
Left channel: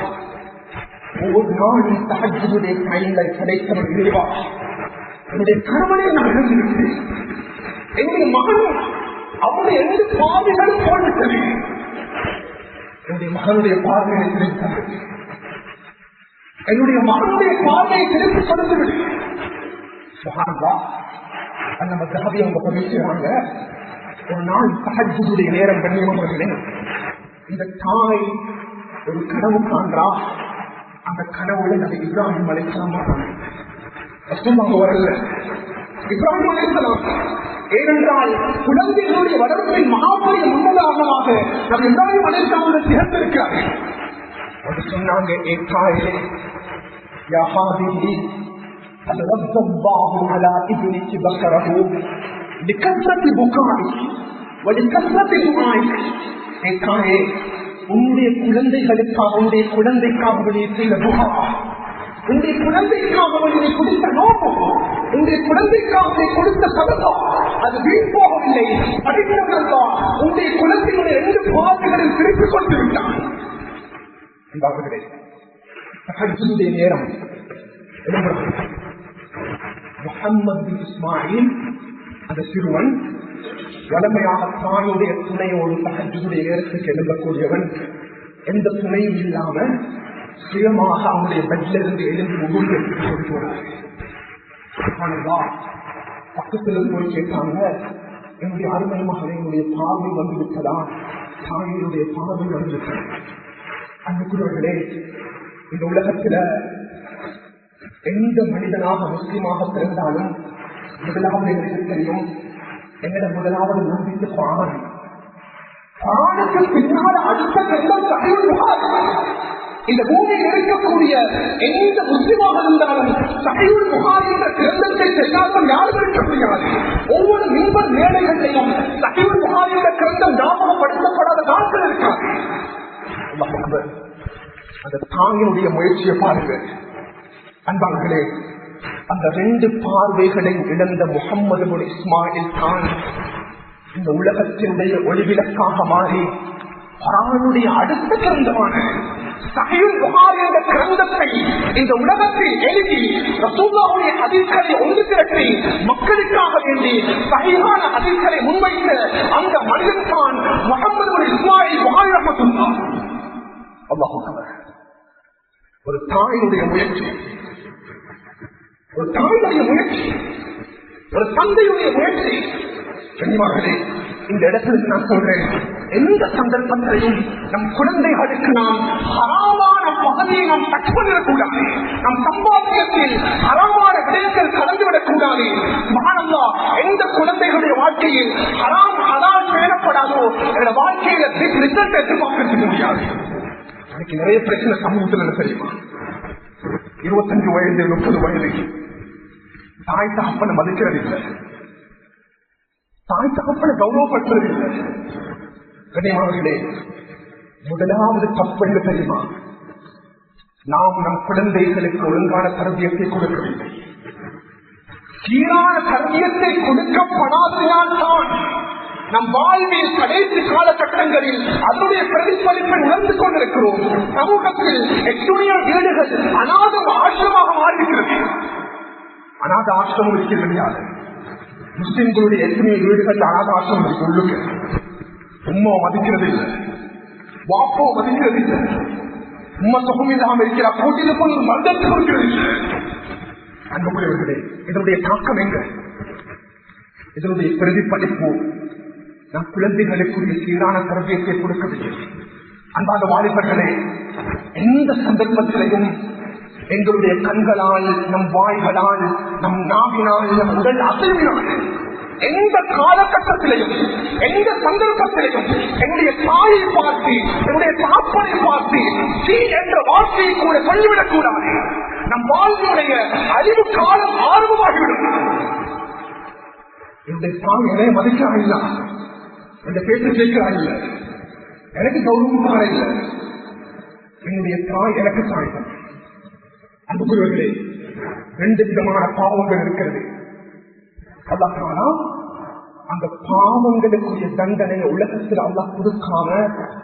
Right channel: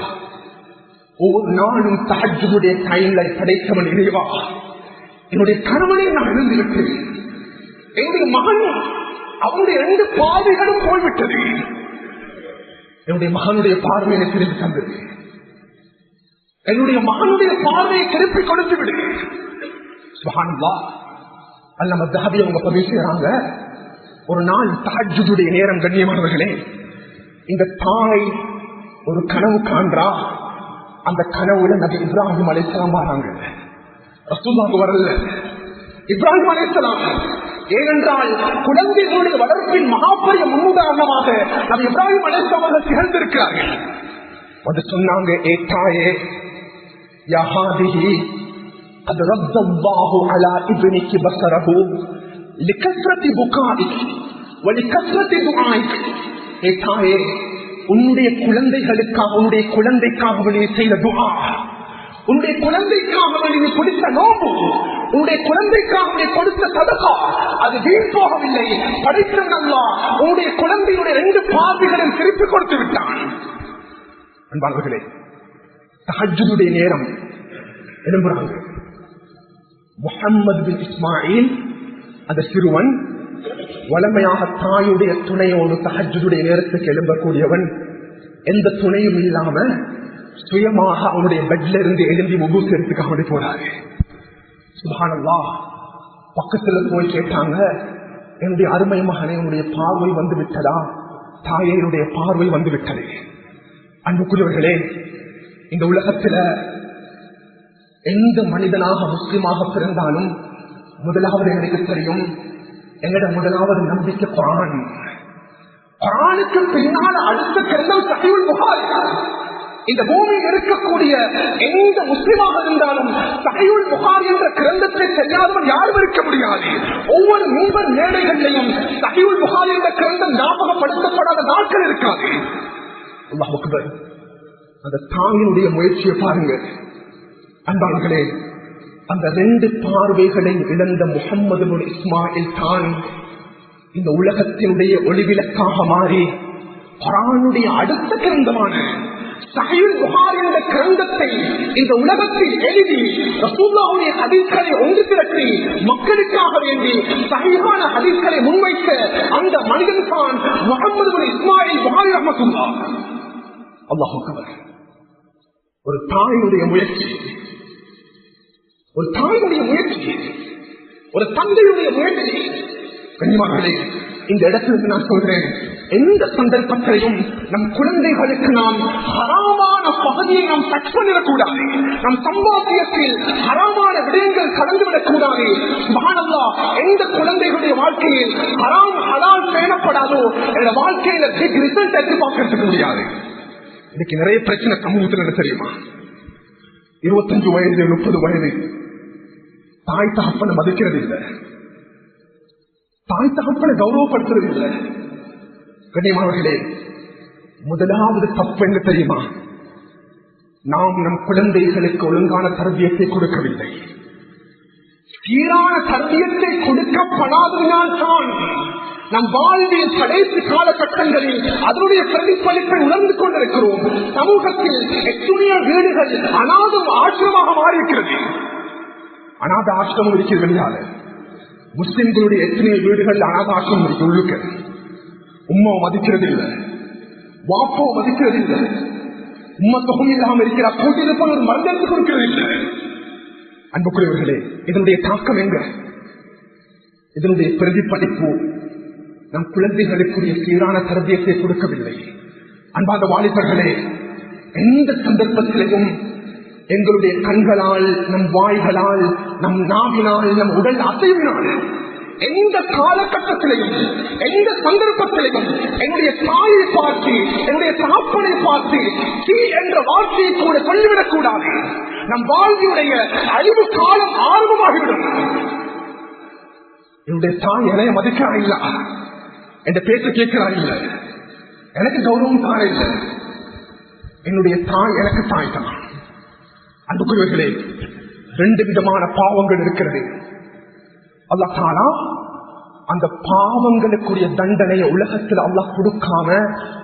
ஒவ்வொரு நாளும் தஹஜ்ஜுடைய டைம்ல படைத்தவன் இறைவா, என்னுடைய கணவனை நான் இழந்துவிட்டேன், என்னுடைய மகன் அவனுடைய 2 பாதைகளும் போய்விட்டது, என்னுடைய மகனுடைய பார்வையை திருப்பி தந்தது, என்னுடைய மகனுடைய பார்வையை திருப்பி கொடுத்து விடு. சுப்ஹானல்லாஹ். அல்லாஹ் தஹபி அவங்க பதிவு செய்றாங்க, ஒரு நாள் தஹஜ்ஜுடைய நேரம் கண்ணியமானவர்களே, இந்த தாய் ஒரு கனவு காண்றா. அந்த கனவுல நபி இப்ராஹிம் அலைஹிஸ்ஸலாம் வராங்க. ரசூலுல்லாஹ் வரல, இப்ராஹிம் அலைஹிஸ்ஸலாம். ஏனென்றால் குழந்தைகளுடைய வளர்ப்பின் மகாபெரிய முன்னுதாரணமாக நபி இப்ராஹிம் அலைஹிஸ்ஸலாம் அவர்கள் திகழ்ந்திருக்கிறார்கள். வந்து சொன்னாங்க, ஏ தாயே, யா ஹாதிஹி قد رد الله على ابنك بصره لكثرة بكائك ولكثرة دعائك. ஏ தாயே, உன்னுடைய குழந்தைகளுக்காக, உன்னுடைய குழந்தைக்காக நீ செய்த துஆ, உன்னுடைய குழந்தைக்காக நீ கொடுத்த நோன்பு, உன்னுடைய குழந்தைக்காக நீ கொடுத்த சதகா, அது வீண் போகவில்லை. படித்தவன் அல்லாஹ் உன்னுடைய குழந்தையுடைய 2 பார்வைகளையும் திருப்பி கொடுத்து விட்டான். அன்பார்களே, தஹஜ்ஜுடைய நேரம் எழும்புகிறது. முஹம்மது பின் இஸ்மாயில் அந்த சிறுவன் வளமையாக தாயுடைய துணையோடு தஹஜ்ஜுடைய நேரத்துக்கு எழும்பக்கூடியவன். எந்த துணையும் இல்லாம சுயமாக அவனுடைய பெட்ல இருந்து எழுந்தி முகூர்த்து எடுத்துக்க போறாரு. சுப்ஹானல்லாஹ். பக்கத்துல போய் கேட்டாங்க, என்னுடைய அருமை மகனே, என்னுடைய பார்வை வந்து விட்டதா? தாயே, என்னுடைய பார்வை வந்து விட்டது. அன்புக்குரியவர்களே, இந்த உலகத்துல எந்த மனிதனாக முஸ்லிமாக பிறந்தாலும் முதலாவது எனக்கு தெரியும், எங்கட முதலாவது நம்பிக்கை குர்ஆன். குர்ஆனுக்கு பின்னால் அடுத்த கட்டம் சஹீஹுல் புகாரி. இந்த பூமியில் இருக்கக்கூடிய எந்த முஸ்லிமாக இருந்தாலும் சஹீஹுல் புகாரி என்ற கிரந்தத்தை தெரியாதவன் யாரும் இருக்க முடியாது. ஒவ்வொரு மின்பர் மேடைகளிலையும் சஹீஹுல் புகாரி என்ற கிரந்தம் ஞாபகப்படுத்தப்படாத நாட்கள் இருக்காது. அல்லாஹ் அக்பர். அந்த தாயினுடைய முயற்சியை பாருங்க அன்பாளர்களே. அந்த 2 பார்வைகளை இழந்த முஹம்மது பின் இஸ்மாயில் தான் இந்த உலகத்தினுடைய ஒளிவிளக்காக மாறி குர்ஆனுடைய அடுத்த கிரந்தமான சஹீஹுல் புகாரி என்ற கிரந்தத்தை இந்த உலகத்தில் எழுதி ரசூலுல்லாஹ்வுடைய ஹதீஸ்களை ஒன்று திரட்டி மக்களுக்காக வேண்டி சஹீஹான ஹதீஸ்களை முன்வைத்த அந்த மனிதன் தான் முஹம்மது பின் இஸ்மாயில் புகாரி ரஹ்மத்துல்லாஹ். அல்லாஹ் அக்பர். ஒரு தாயினுடைய முயற்சி, ஒரு தாயினுடைய முயற்சி, ஒரு தந்தையுடைய முயற்சி. கண்ணியமானவர்களே, இந்த இடத்துல நான் சொல்றேன், எந்த சந்தர்ப்பத்திலையும் நம் குழந்தைகளுக்கு நாம் ஹராமான பகுதியை நாம் டச் பண்ணிடக்கூடாது. நம் சம்பாத்தியத்தில் ஹராமான விடயங்கள் கலந்துவிடக் கூடாது. சுப்ஹானல்லாஹ். எந்த குழந்தைகளுடைய வாழ்க்கையில் ஹராம் ஹலால் பேணப்படாதோ என்னோட வாழ்க்கையில பிக் ரிசல்ட் எதிர்பார்க்க முடியாது. இன்னைக்கு நிறைய பிரச்சனை சமூகத்தில் என்ன தெரியுமா? 25 வயது 30 வயது தாய் தகப்பனை மதிக்கிறது இல்லை, தாய் தகப்பனை கௌரவப்படுத்துறது இல்லை. கண்ணியமானவர்களே, முதலாவது தப்பு என்ன தெரியுமா? நாம் நம் குழந்தைகளுக்கு ஒழுங்கான தர்பியத்தை கொடுக்கவில்லை. சீரான தர்பியத்தை கொடுக்கப்படாததால் தான் நம் வாழ்வில் கடைசி காலகட்டங்களில் அதனுடைய பிரதிபலிப்பை உணர்ந்து கொண்டிருக்கிறோம். சமூகத்தில் எத்தனையோ வீடுகள் அநாத ஆசிரமாக மாறியிருக்கிறது. அநாத ஆசிரமம் இருக்கிறது இல்லையா? முஸ்லிம்களுடைய எத்தனையோ வீடுகள் அநாத ஆசிரமம் இருக்கு. உள்ளுக்க உம்மா மதிக்கிறது இல்லை, வாப்போ மதிக்கிறது இல்லை, உம்மா சுகம் இல்லாமல் இருக்கிற கூட்டில் ஒரு மருந்தத்தை கொடுக்கிறது இல்லை. அன்புக்குரியவர்களே, இதனுடைய தாக்கம் எங்க? இதனுடைய பிரதிபலிப்பு நம் குழந்தைகளுக்குரிய சீரான தர்பியத்தை கொடுக்கவில்லை. அன்பான வாலிபர்களே, எந்த சந்தர்ப்பத்திலையும் எங்களுடைய கண்களால், நம் வாய்களால், நம் நாவினால், நம் உடல் அசைவினால், எந்த காலகட்டத்திலையும் எந்த சந்தர்ப்பத்திலையும் என்னுடைய தாயை பார்த்து, என்னுடைய தாப்பனை பார்த்து தீ என்ற வார்த்தையை கூட சொல்லிவிடக் கூடாது. நம் வாழ்வினுடைய அழிவு காலம் ஆரம்பமாகிவிடும். என்னுடைய தாய் என்னை மதிக்கிறா இல்ல, என்ற பேச்ச கேட்கிறா இல்ல, எனக்கு கௌரவம் காண இல்லை. என்னுடைய தாய் எனக்கு தாய் தான். அன்புக்குரியவர்களே, 2 விதமான பாவங்கள் இருக்கிறது. அல்லாஹ் தானா அந்த பாவங்களுக்குரிய தண்டனையை உலகத்தில் அல்லாஹ் கொடுக்காம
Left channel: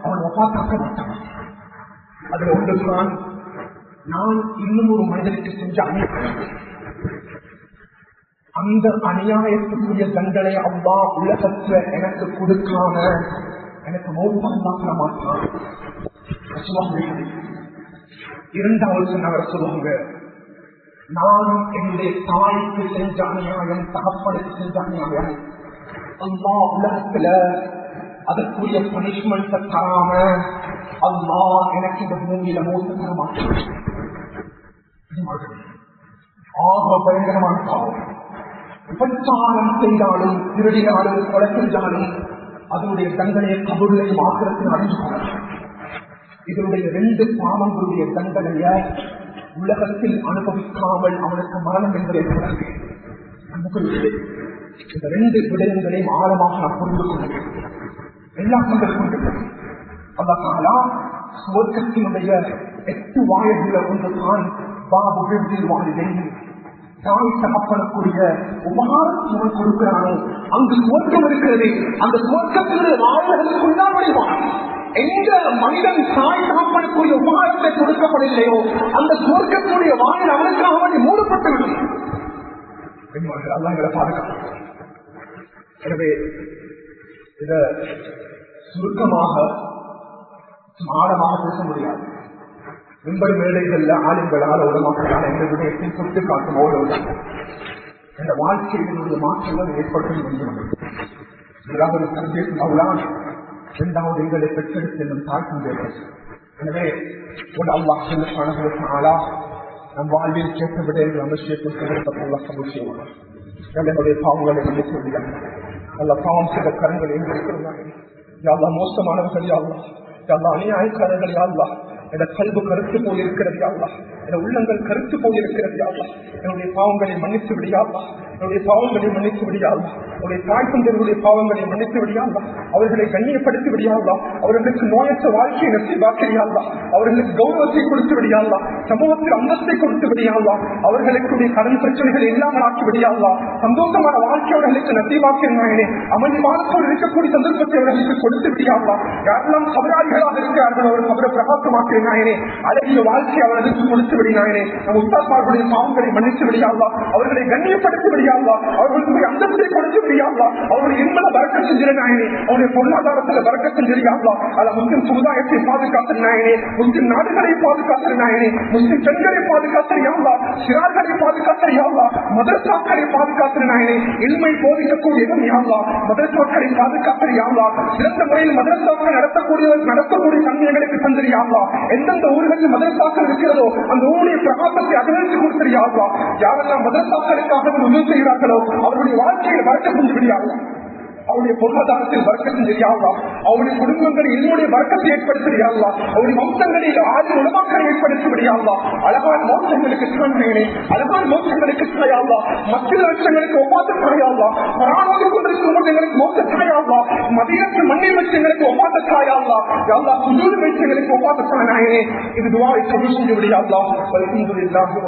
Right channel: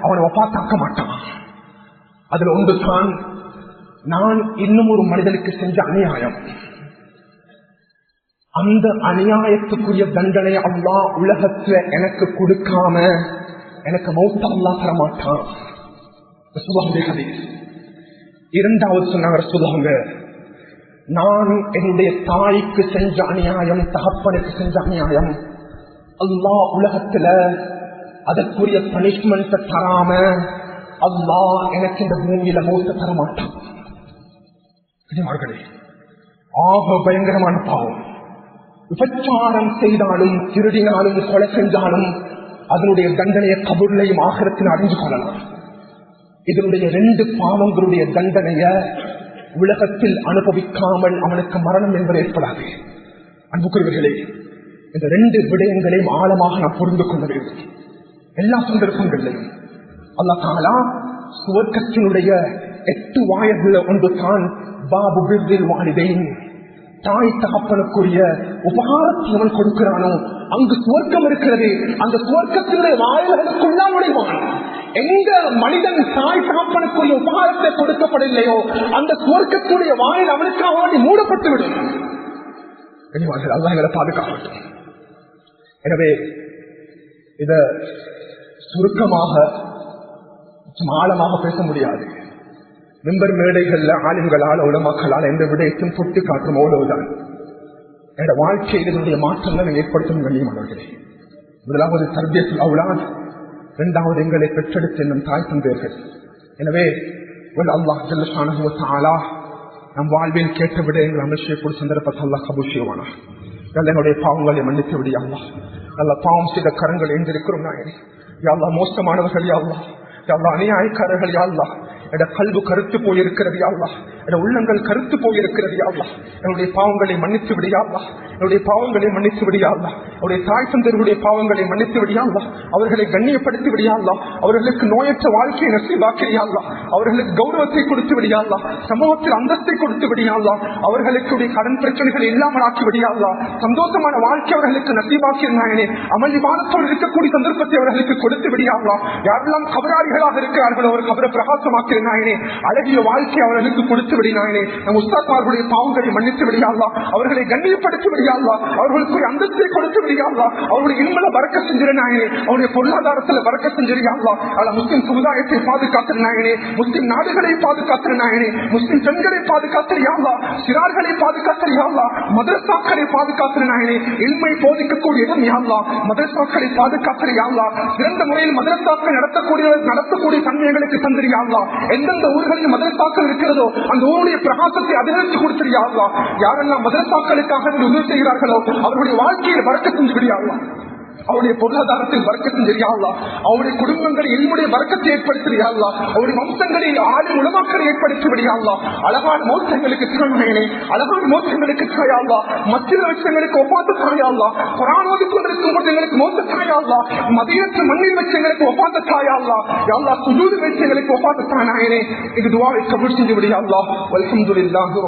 அவனை வஃபாத்தாக்க மாட்டான். அதுல ஒன்று தான் நான் இன்னும் ஒரு மனிதனுக்கு செஞ்ச அநியாயம். அந்த அநியாயத்துக்குரிய தண்டனை அல்லாஹ் உலகத்துல எனக்கு கொடுக்காம எனக்கு மௌத்த அல்லாஹ் தர மாட்டான். இரண்டாவது சொன்னாங்க ரசூலுல்லாஹ், நானும் என்னுடைய தாய்க்கு செஞ்ச அநியாயம், தகப்பனுக்கு செஞ்ச அநியாயம், அல்லாஹ் உலகத்துல அதற்குரிய பனிஷ்மெண்ட் தராம அல்லாஹ் எனக்கு இந்த பூமியில மௌத்த தர மாட்டான். ஆக பயங்கரமான பாவம். விபச்சாரம் செய்தாலும், திருடினாலும், கொலை செஞ்சாலும் அதனுடைய தண்டனையை கபூர்லையும் ஆகிரத்தில் அறிந்து கொள்ளலாம். இதனுடைய 2 பாவங்களுடைய தண்டனைய உலகத்தில் அனுபவிக்காமல் அவனுக்கு மரணம் என்பது ஏற்படாது. அன்புக்குரியவர்களே, இந்த 2 விடயங்களையும் ஆழமாக நாம் புரிந்து கொள்ள வேண்டும். எல்லா சந்தர்ப்பங்களிலும் அல்லாஹ் தஆலா சுவர்க்கத்தினுடைய 8 வாயில்கள் ஒன்று தான் பாபு பிர்ரில் வாலிதைன், தாய் தகப்பனுக்குரிய உபகாரத்தை கொடுக்கிறானோ அங்கு சுவர்க்கம் இருக்கிறது. அந்த சுவர்க்கத்தினுடைய வாயில்களுக்குள்ளான் நுழைவான். எந்த மனிதன் தாய் தகப்பனுக்குரிய உபகாரத்தை கொடுக்கப்படவில்லையோ அந்த சுவர்க்கத்துடைய வாயில் அவனுக்காக வேண்டி மூடப்பட்டு விடும். அல்லாஹ் எங்களை பாதுகாக்கட்டும். எனவே இத சுருக்கமாக ஆழமாக பேச முடியாது. மெம்பர் மேடைகள்ல ஆளுங்களால் உலமாக்களால் எந்த விடயத்தையும் தொட்டு காட்டும் அவ்வளவுதான். என்னோட வாழ்க்கையில் இதனுடைய மாற்றங்களை ஏற்படுத்த வேண்டிய முதலாவது தர்பியத்துல் அவுலாத், இரண்டாவது எங்களை பெற்றெடுத்து என்னும் தாய் தந்தையர்கள். எனவே அல்லாஹ் ஜல்லஷானஹு வ தஆலா நம் வாழ்வில் கேட்ட விடயங்கள் அமர்ச்சியக்கூடிய சந்தர்ப்பத்தை அல்லாஹ் கபூல் செய்வானா. என்னுடைய பாவங்களை மன்னித்து விடியாங்க. நல்ல பாவம் செய்த கரங்கள் எங்கிருக்கிறோம் நாயனே. யாழ்லா மோசமானவர்கள், யாழ்லா யாழ்லா அநியாயக்காரர்கள், யாழ்லா எட கல்வி கருத்து போயிருக்கிறது, யாழ்லா எட உள்ளங்கள் கருத்து போயிருக்கிறது, யாழ்லா என்னுடைய பாவங்களை மன்னித்து விடியாள்லா, என்னுடைய பாவங்களை மன்னித்து விடியாள்லா, அவருடைய தாய் தந்தையருடைய பாவங்களை மன்னித்து விடியாள்லா, அவர்களை கண்ணியப்படுத்தி விடியாள்லா, அவர்களுக்கு நோயற்ற வாழ்க்கையை நசீபாக்கிறியாள்லா, அவர்களுக்கு கௌரவத்தை கொடுத்து விடியாள்லா, சமூகத்தில் அந்தஸ்தை கொடுத்து விடியாள்லா, அவர்களுக்கு கடன் பிரச்சனைகள் இல்லாமல் ஆக்கி விடியாள்லா, சந்தோஷமான வாழ்க்கை அவர்களுக்கு நசீபாக்கினாயனே, அமல் இபாதத்தோடு இருக்கக்கூடிய சந்தர்ப்பத்தை அவர்களுக்கு கொடுத்து விடியாள்லா. யாரெல்லாம் கபராளிகளாக இருக்கிறார்கள் அவர் கபரை பிரகாசமாக்கினாயனே, அழகிய வாழ்க்கை அவர்களுக்கு கொடுத்து விடினாயனே. நம் உஸ்தாத்மார்களுடைய பாவங்களை மன்னித்து விடியாள்லா, அவர்களை கண்ணியப்படுத்தி விடியாள்லா, அவர்களுக்கு அந்தஸ்தை கொடுத்து விடியாள்லா, அவருடைய இன்பல பறக்க செஞ்சிருநாயனே, அவருடைய பொருளாதாரத்தில் பறக்க செஞ்சிருக்காள்லா. அல்ல முஸ்லிம் சமுதாயத்தை பாதுகாத்திருநாயனே, முஸ்லிம் நாடுகளை பாதுகாத்திருநாயனே, முஸ்லிம் பெண்களை பாதுகாத்திருயாள்லா, சிறார்களை பாதுகாத்திருயாள்லா, மதரசாக்களை பாதுகாத்திருநாயனே, இல்மை போதிக்கக்கூடிய இடம் யாழ்லா, மதரசாக்களை பாதுகாத்திருயாள்லா, சிறந்த முறையில் மதரசாக்கள் நடத்தக்கூடிய தன்மைகளுக்கு தந்திரியாள்லா, எந்தெந்த ஊர்களில் மதரசாக்கள் இருக்கிறதோ அந்த ஊருடைய பிரகாசத்தை அதிகரித்து கொடுத்திருயாள்லா. யாரெல்லாம் மதரசாக்களுக்காக உதவி செய்கிறார்களோ அவருடைய வாழ்க்கையில் வரக்கத் செஞ்சுவிடியாள்லா, அவருடைய பொருளாதாரத்தில் வரக்கத்தும் தெரியாதா, அவருடைய குடும்பங்களில் என்னுடைய வரக்கத்தை ஏற்படுத்தியாள்லா, அவருடைய வம்சங்களில் ஆறு உலமாக்களை ஏற்படுத்தி விடியாள்லா. அழகான மோசங்களுக்கு திறமையினே, அழகான மோசங்களுக்கு தாயாள்லா, மத்திய வச்சங்களுக்கு ஒப்பாத்த தாயாள்லா, கொரோனாவுக்கு கொண்டிருக்கும் போது எங்களுக்கு மோச தாயாள்லா, மதியத்து மண்ணில் வச்சங்களுக்கு ஒப்பாத்த தாயாள்லா, யாழ்லா சுஜூது வச்சங்களுக்கு ஒப்பாத்த தாயாயனே. இது துஆவை கபூல் செஞ்சு விடியாள்லா. வல்ஹம்துலில்லாஹ்.